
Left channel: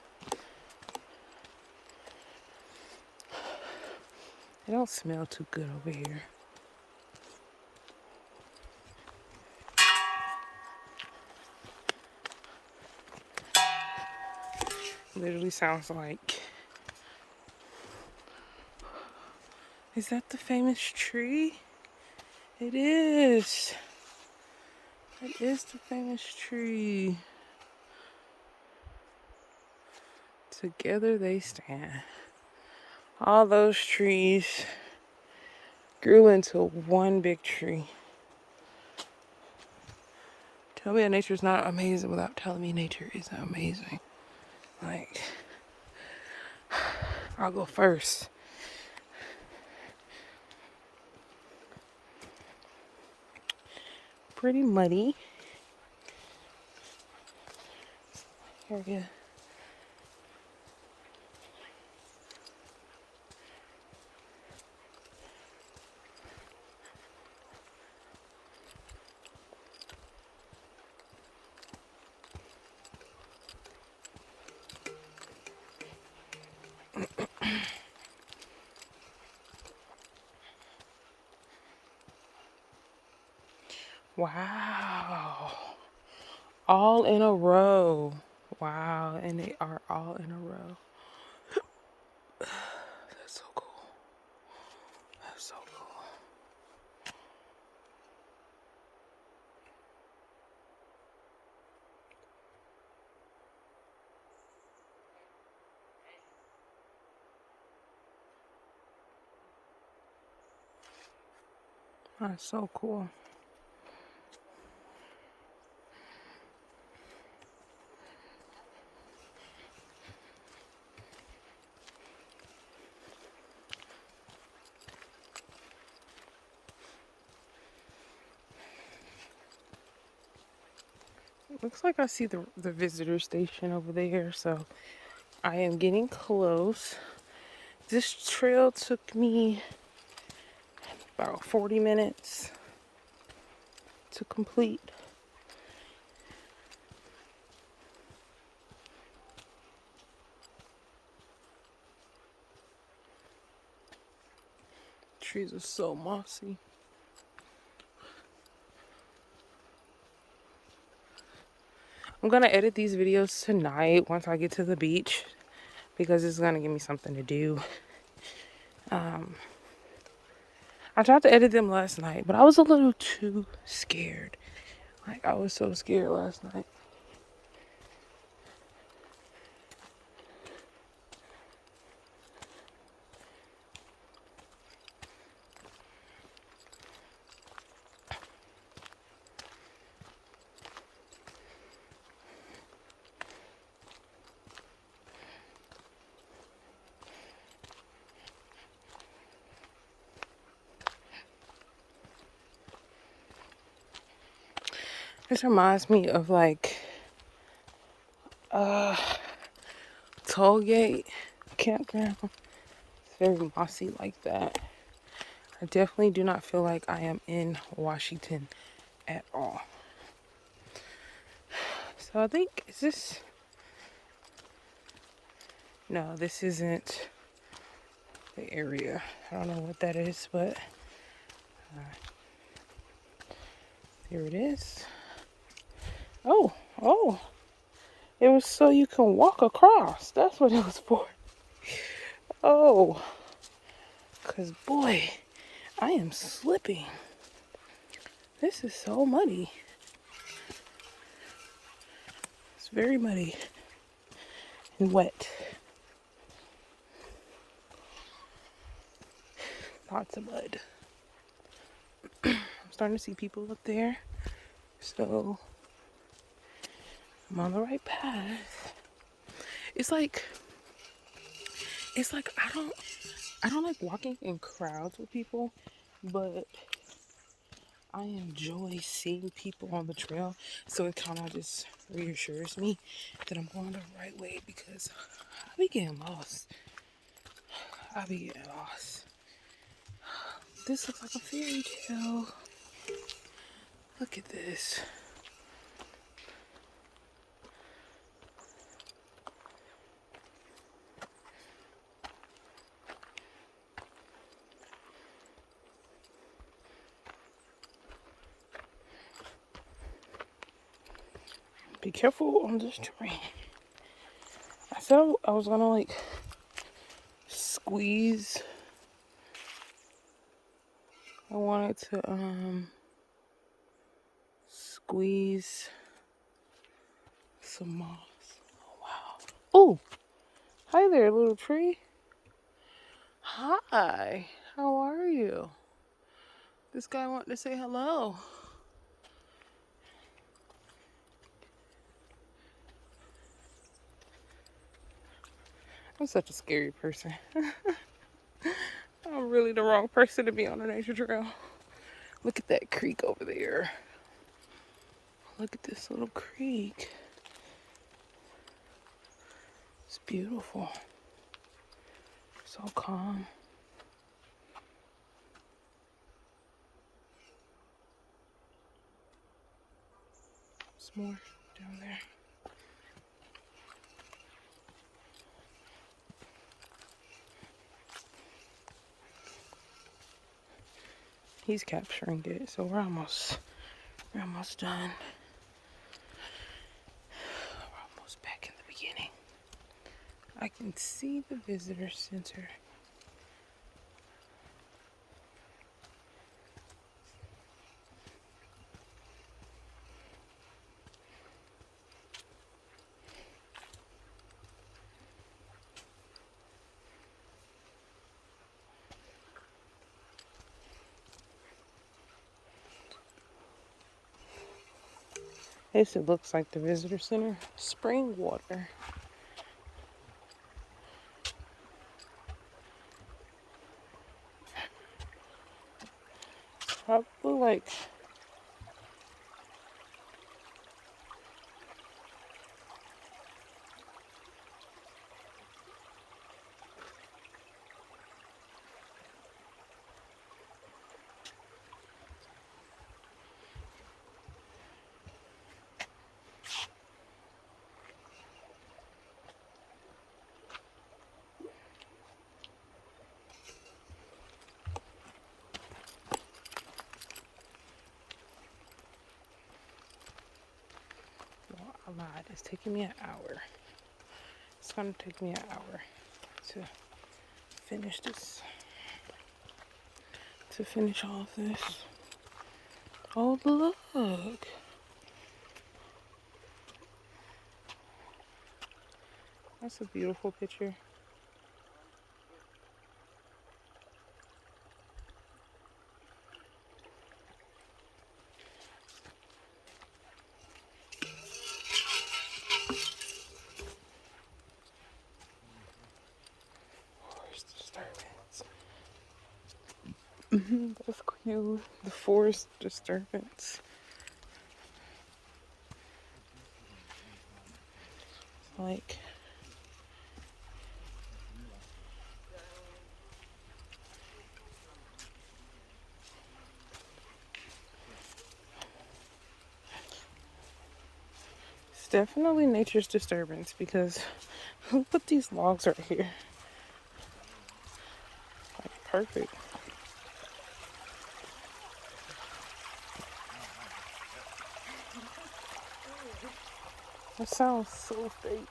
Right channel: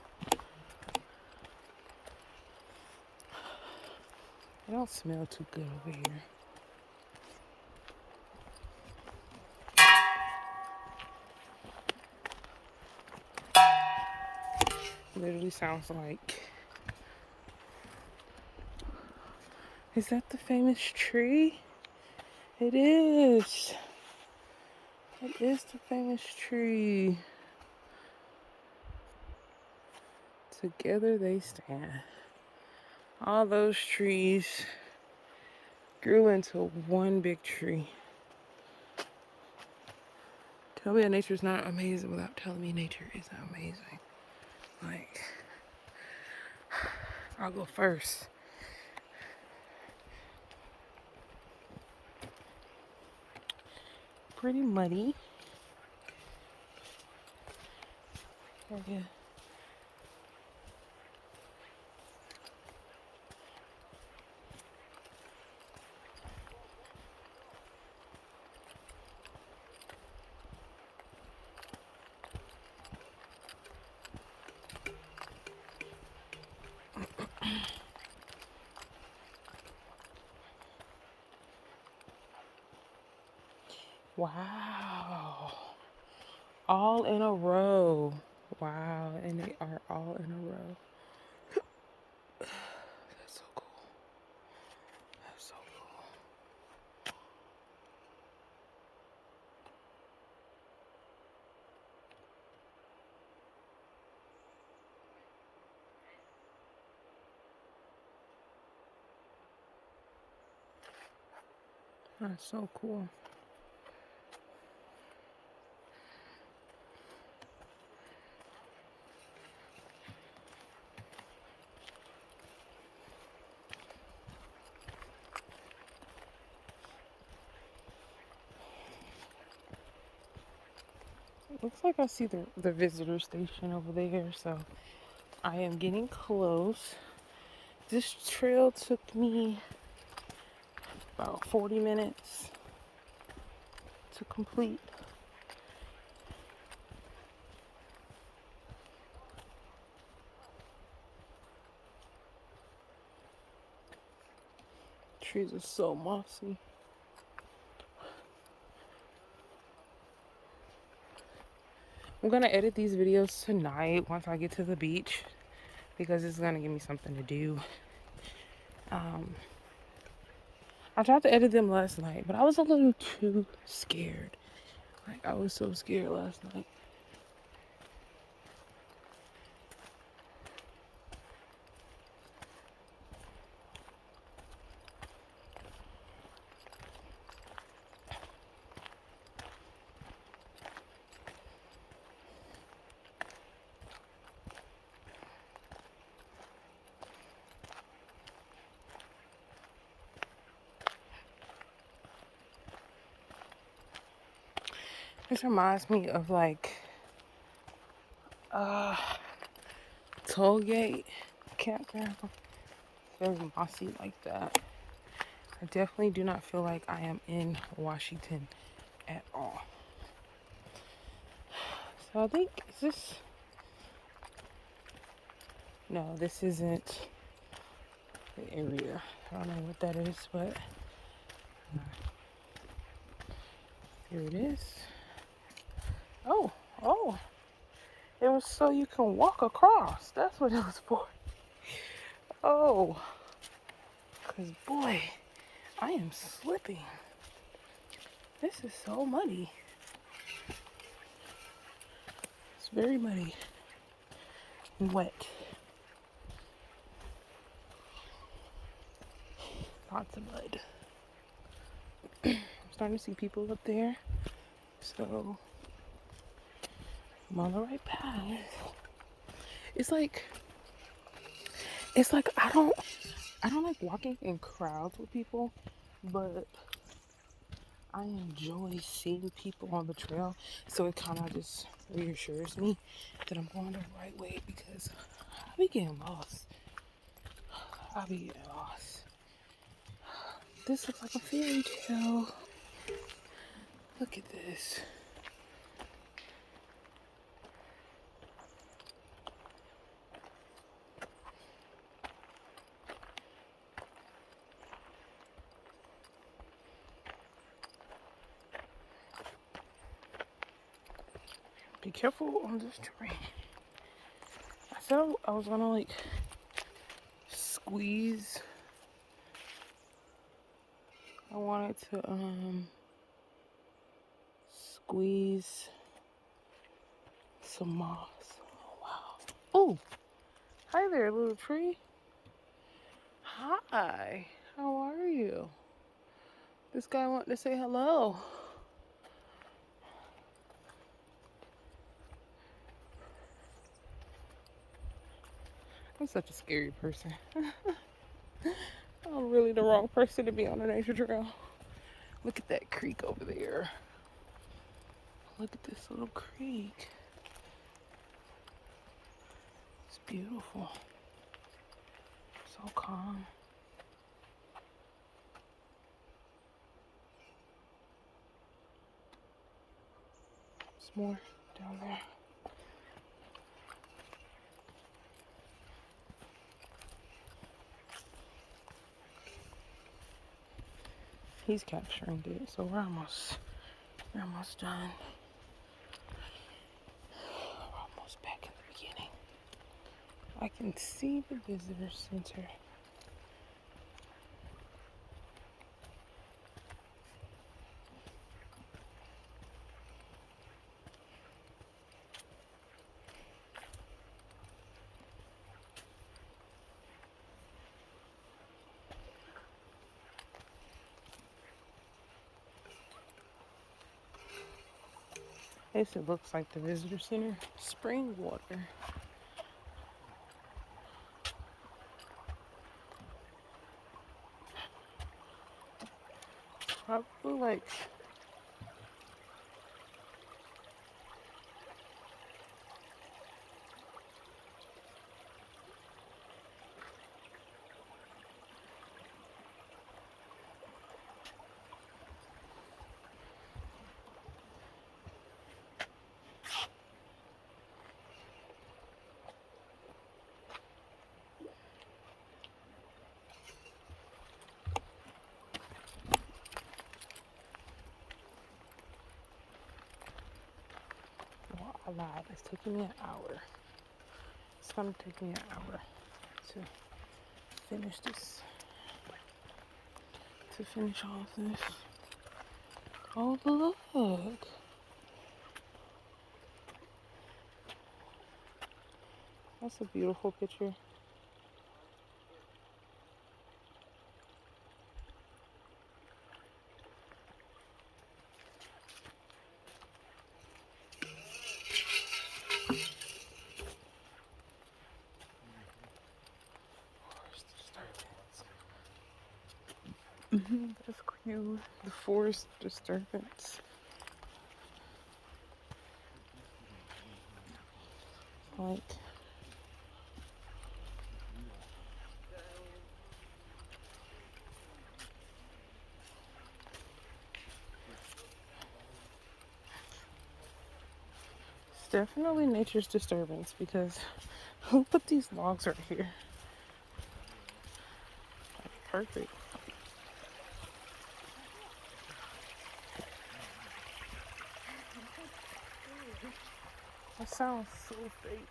They don't smell too good over here. Literally sounds like. Is that the famous tree? It is. It is the famous tree. Together they stand. All those trees grew into one big tree. Tell me that nature is not amazing without telling me nature is amazing. Like, I'll go first. Pretty muddy. Area. Wow. All in a row. Wow. And they are all in a row. That's so cool. That's so cool. That's so cool. Looks like I see the visitor station over there, so I am getting close. This trail took me about 40 minutes to complete. Trees are so mossy. I'm gonna edit these videos tonight once I get to the beach because it's gonna give me something to do. I tried to edit them last night, but I was a little too scared. Like, I was so scared last night. This reminds me of like Tollgate campground. It's very mossy like that. I definitely do not feel like I am in Washington at all. So I think, is this? No, this isn't the area. I don't know what that is, but here it is. Oh, it was so you can walk across. That's what it was for. Oh, because boy, I am slipping. This is so muddy. It's very muddy and wet. Lots of mud. I'm starting to see people up there. So I'm on the right path. It's like I don't like walking in crowds with people, but I enjoy seeing people on the trail. So it kind of just reassures me that I'm going the right way because I be getting lost. This looks like a fairy tale. Look at this. Be careful on this terrain. I said I was gonna like squeeze. I wanted to squeeze some moss. Oh wow. Oh, hi there, little tree. Hi. How are you? This guy wanted to say hello. I'm such a scary person. I'm really the wrong person to be on a nature trail. Look at that creek over there. Look at this little creek. It's beautiful. So calm. There's more down there. He's capturing it, so we're almost done. We're almost back in the beginning. I can see the visitor center. This it looks like the visitor center. Spring water. Probably like I lied. It's taking me an hour. It's gonna take me an hour to finish this. To finish all of this. Oh, look. That's a beautiful picture. That's cute. The forest disturbance. Like, it's definitely nature's disturbance because who put these logs right here? Like, perfect. It sounds so fake.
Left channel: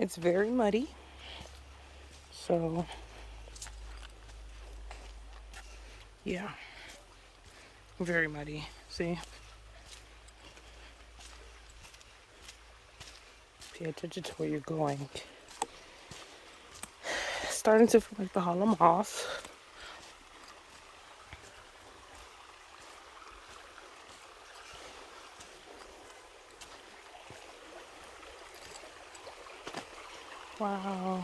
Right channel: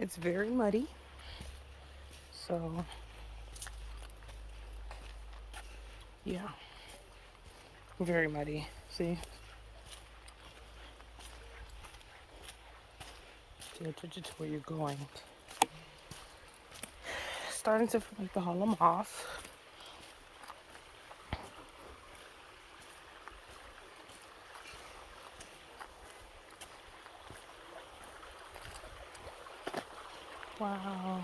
It's very muddy. So, yeah. Very muddy. See? Pay attention to where you're going. Starting to feel like the hollow moss. Wow.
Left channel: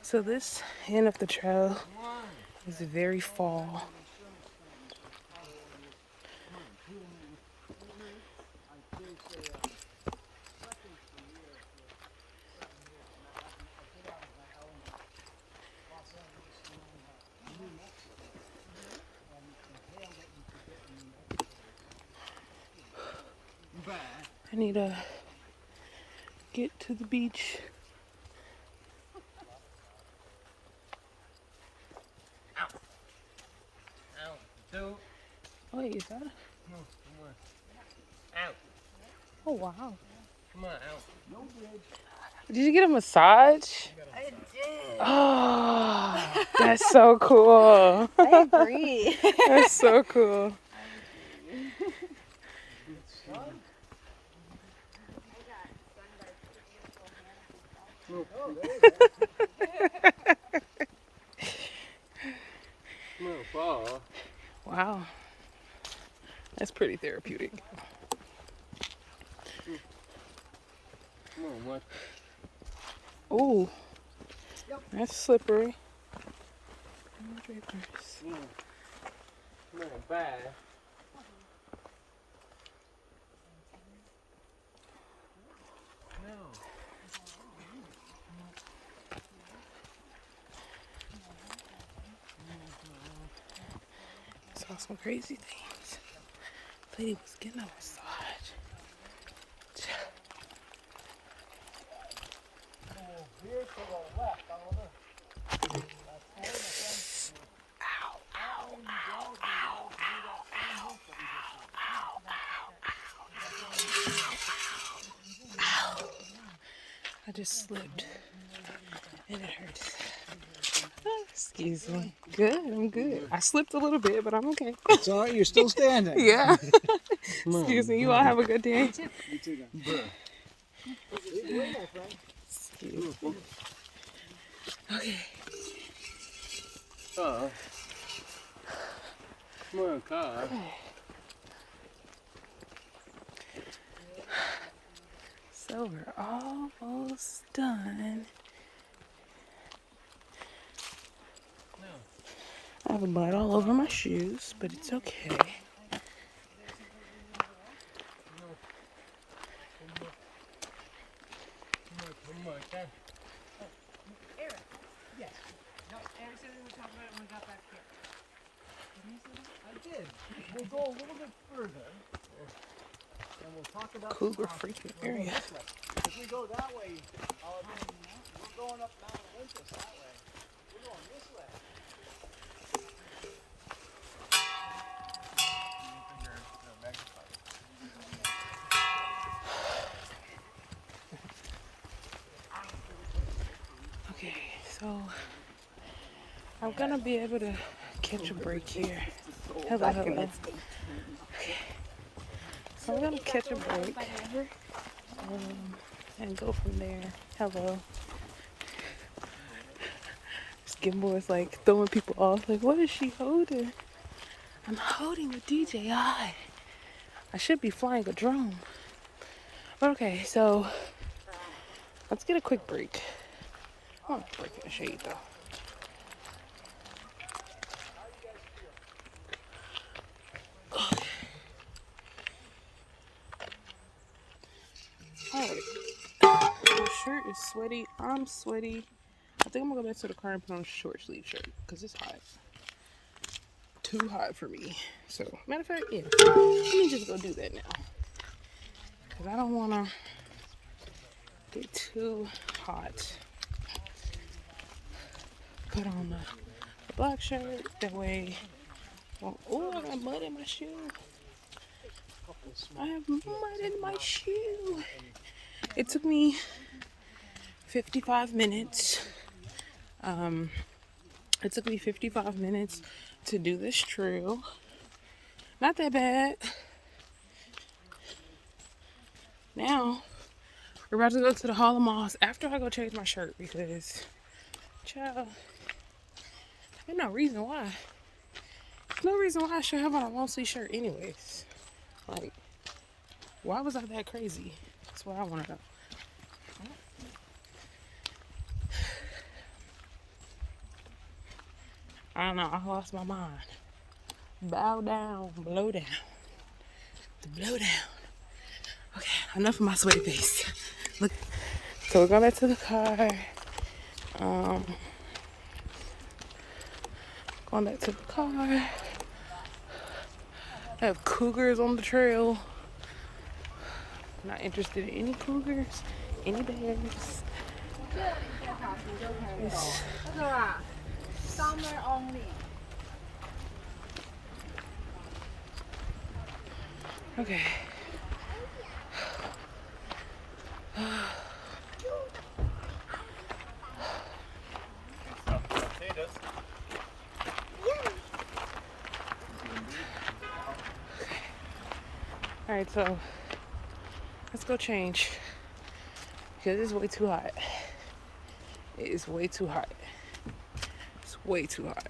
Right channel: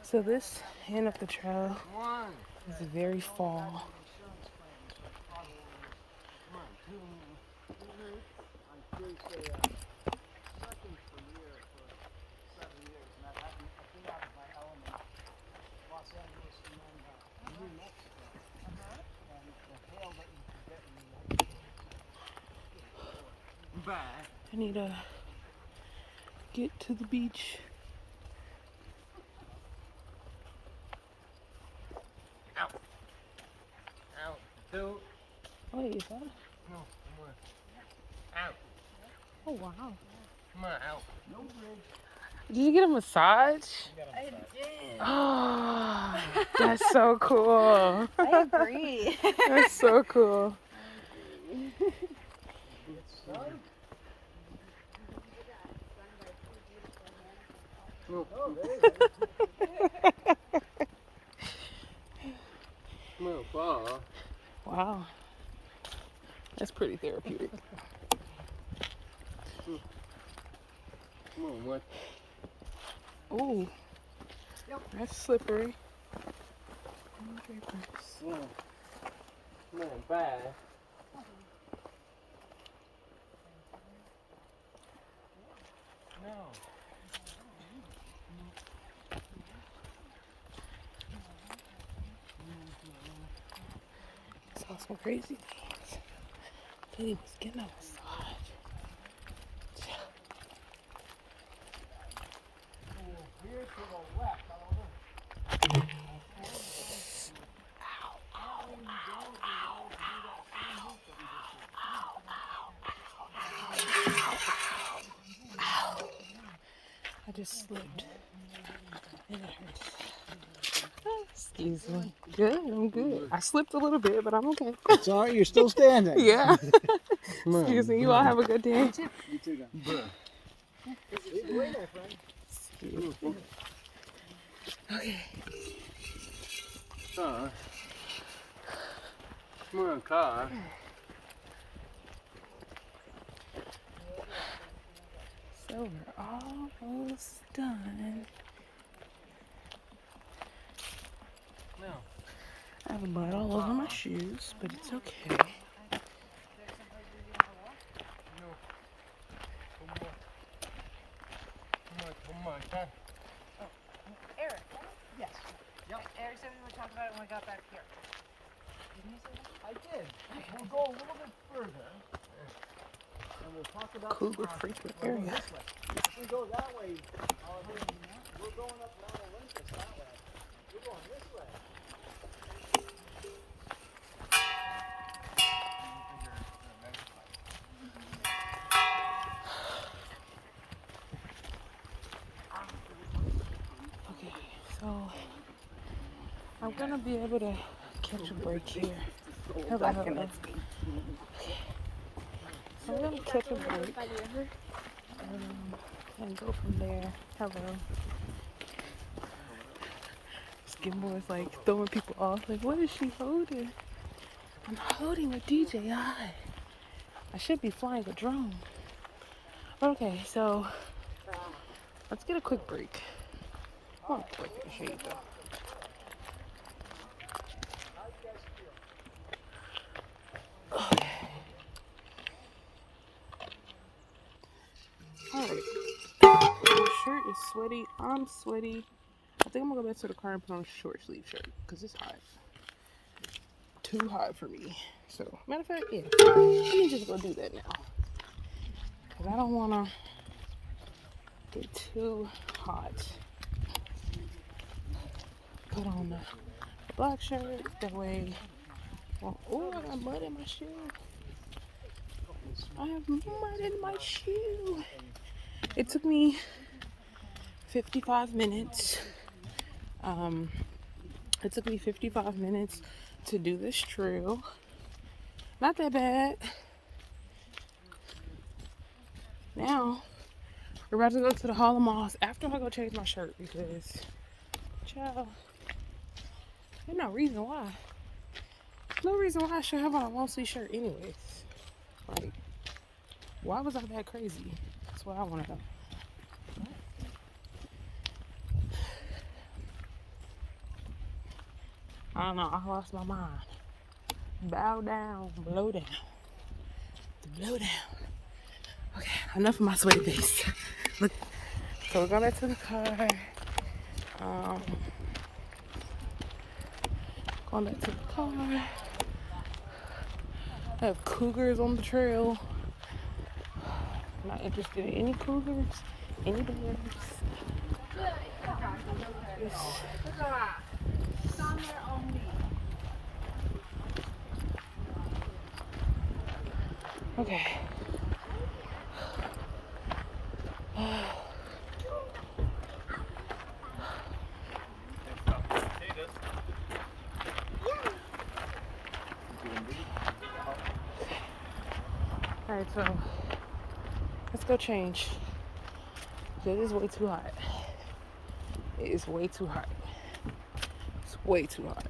So this end of the trail is very fall. I need to get to the beach. Wait, is that? Out. Oh wow! Come on, out. Did you get a massage? I did. Oh, that's so cool. I agree. That's so cool. Wow, that's pretty therapeutic. Come on, what? Ooh, that's slippery. Come on, back. Saw some crazy things. Lady was getting a massage. I just slipped and it hurts. Excuse me. Good, I'm good. I slipped a little bit, but I'm okay. It's all right, you're still standing. Yeah. Excuse me. You all have a good day. You too, guys. Lead the way, my friend. you. Okay. Car. Come on, car. So we're almost done. I have blood all over my shoes, but it's okay. Eric said we would talk about it when we got back here. I did. We'll go a little bit further. And we'll talk about Cougar freaking we'll go area. this way. If we go that way, we're going up Mount Olympus that way. We're going this way. Okay, so I'm gonna be able to catch a break here. Hello, hello. Okay. So I'm gonna catch a break and go from there. Hello. Skimbo is like throwing people off. Like, what is she holding? I'm holding a DJI. I should be flying a drone. Okay, so let's get a quick break. I want to break in the shade though. Okay. Alright. My shirt is sweaty. I'm sweaty. I think I'm gonna go back to the car and put on a short sleeve shirt because it's hot. Too hot for me. So, matter of fact, yeah. Let me just go do that now. Because I don't want to get too hot. Put on the black shirt. That way. Well, oh, I got mud in my shoe. I have mud in my shoe. It took me 55 minutes. It took me 55 minutes to do this trail. Not that bad. Now, we're about to go to the Hall of Moss after I go change my shirt because, child, there's no reason why. There's no reason why I should have on a long sleeve shirt anyways. Like, why was I that crazy? That's what I want to know. I don't know, I lost my mind. Bow down, blow down. The blow down. Okay, enough of my sweaty face. Look, so we're going back to the car. Going back to the car. I have cougars on the trail. Not interested in any cougars, any bears. It's Summer only. okay. Alright, so let's go change because it's way too hot. It is way too hot. It's way too hot.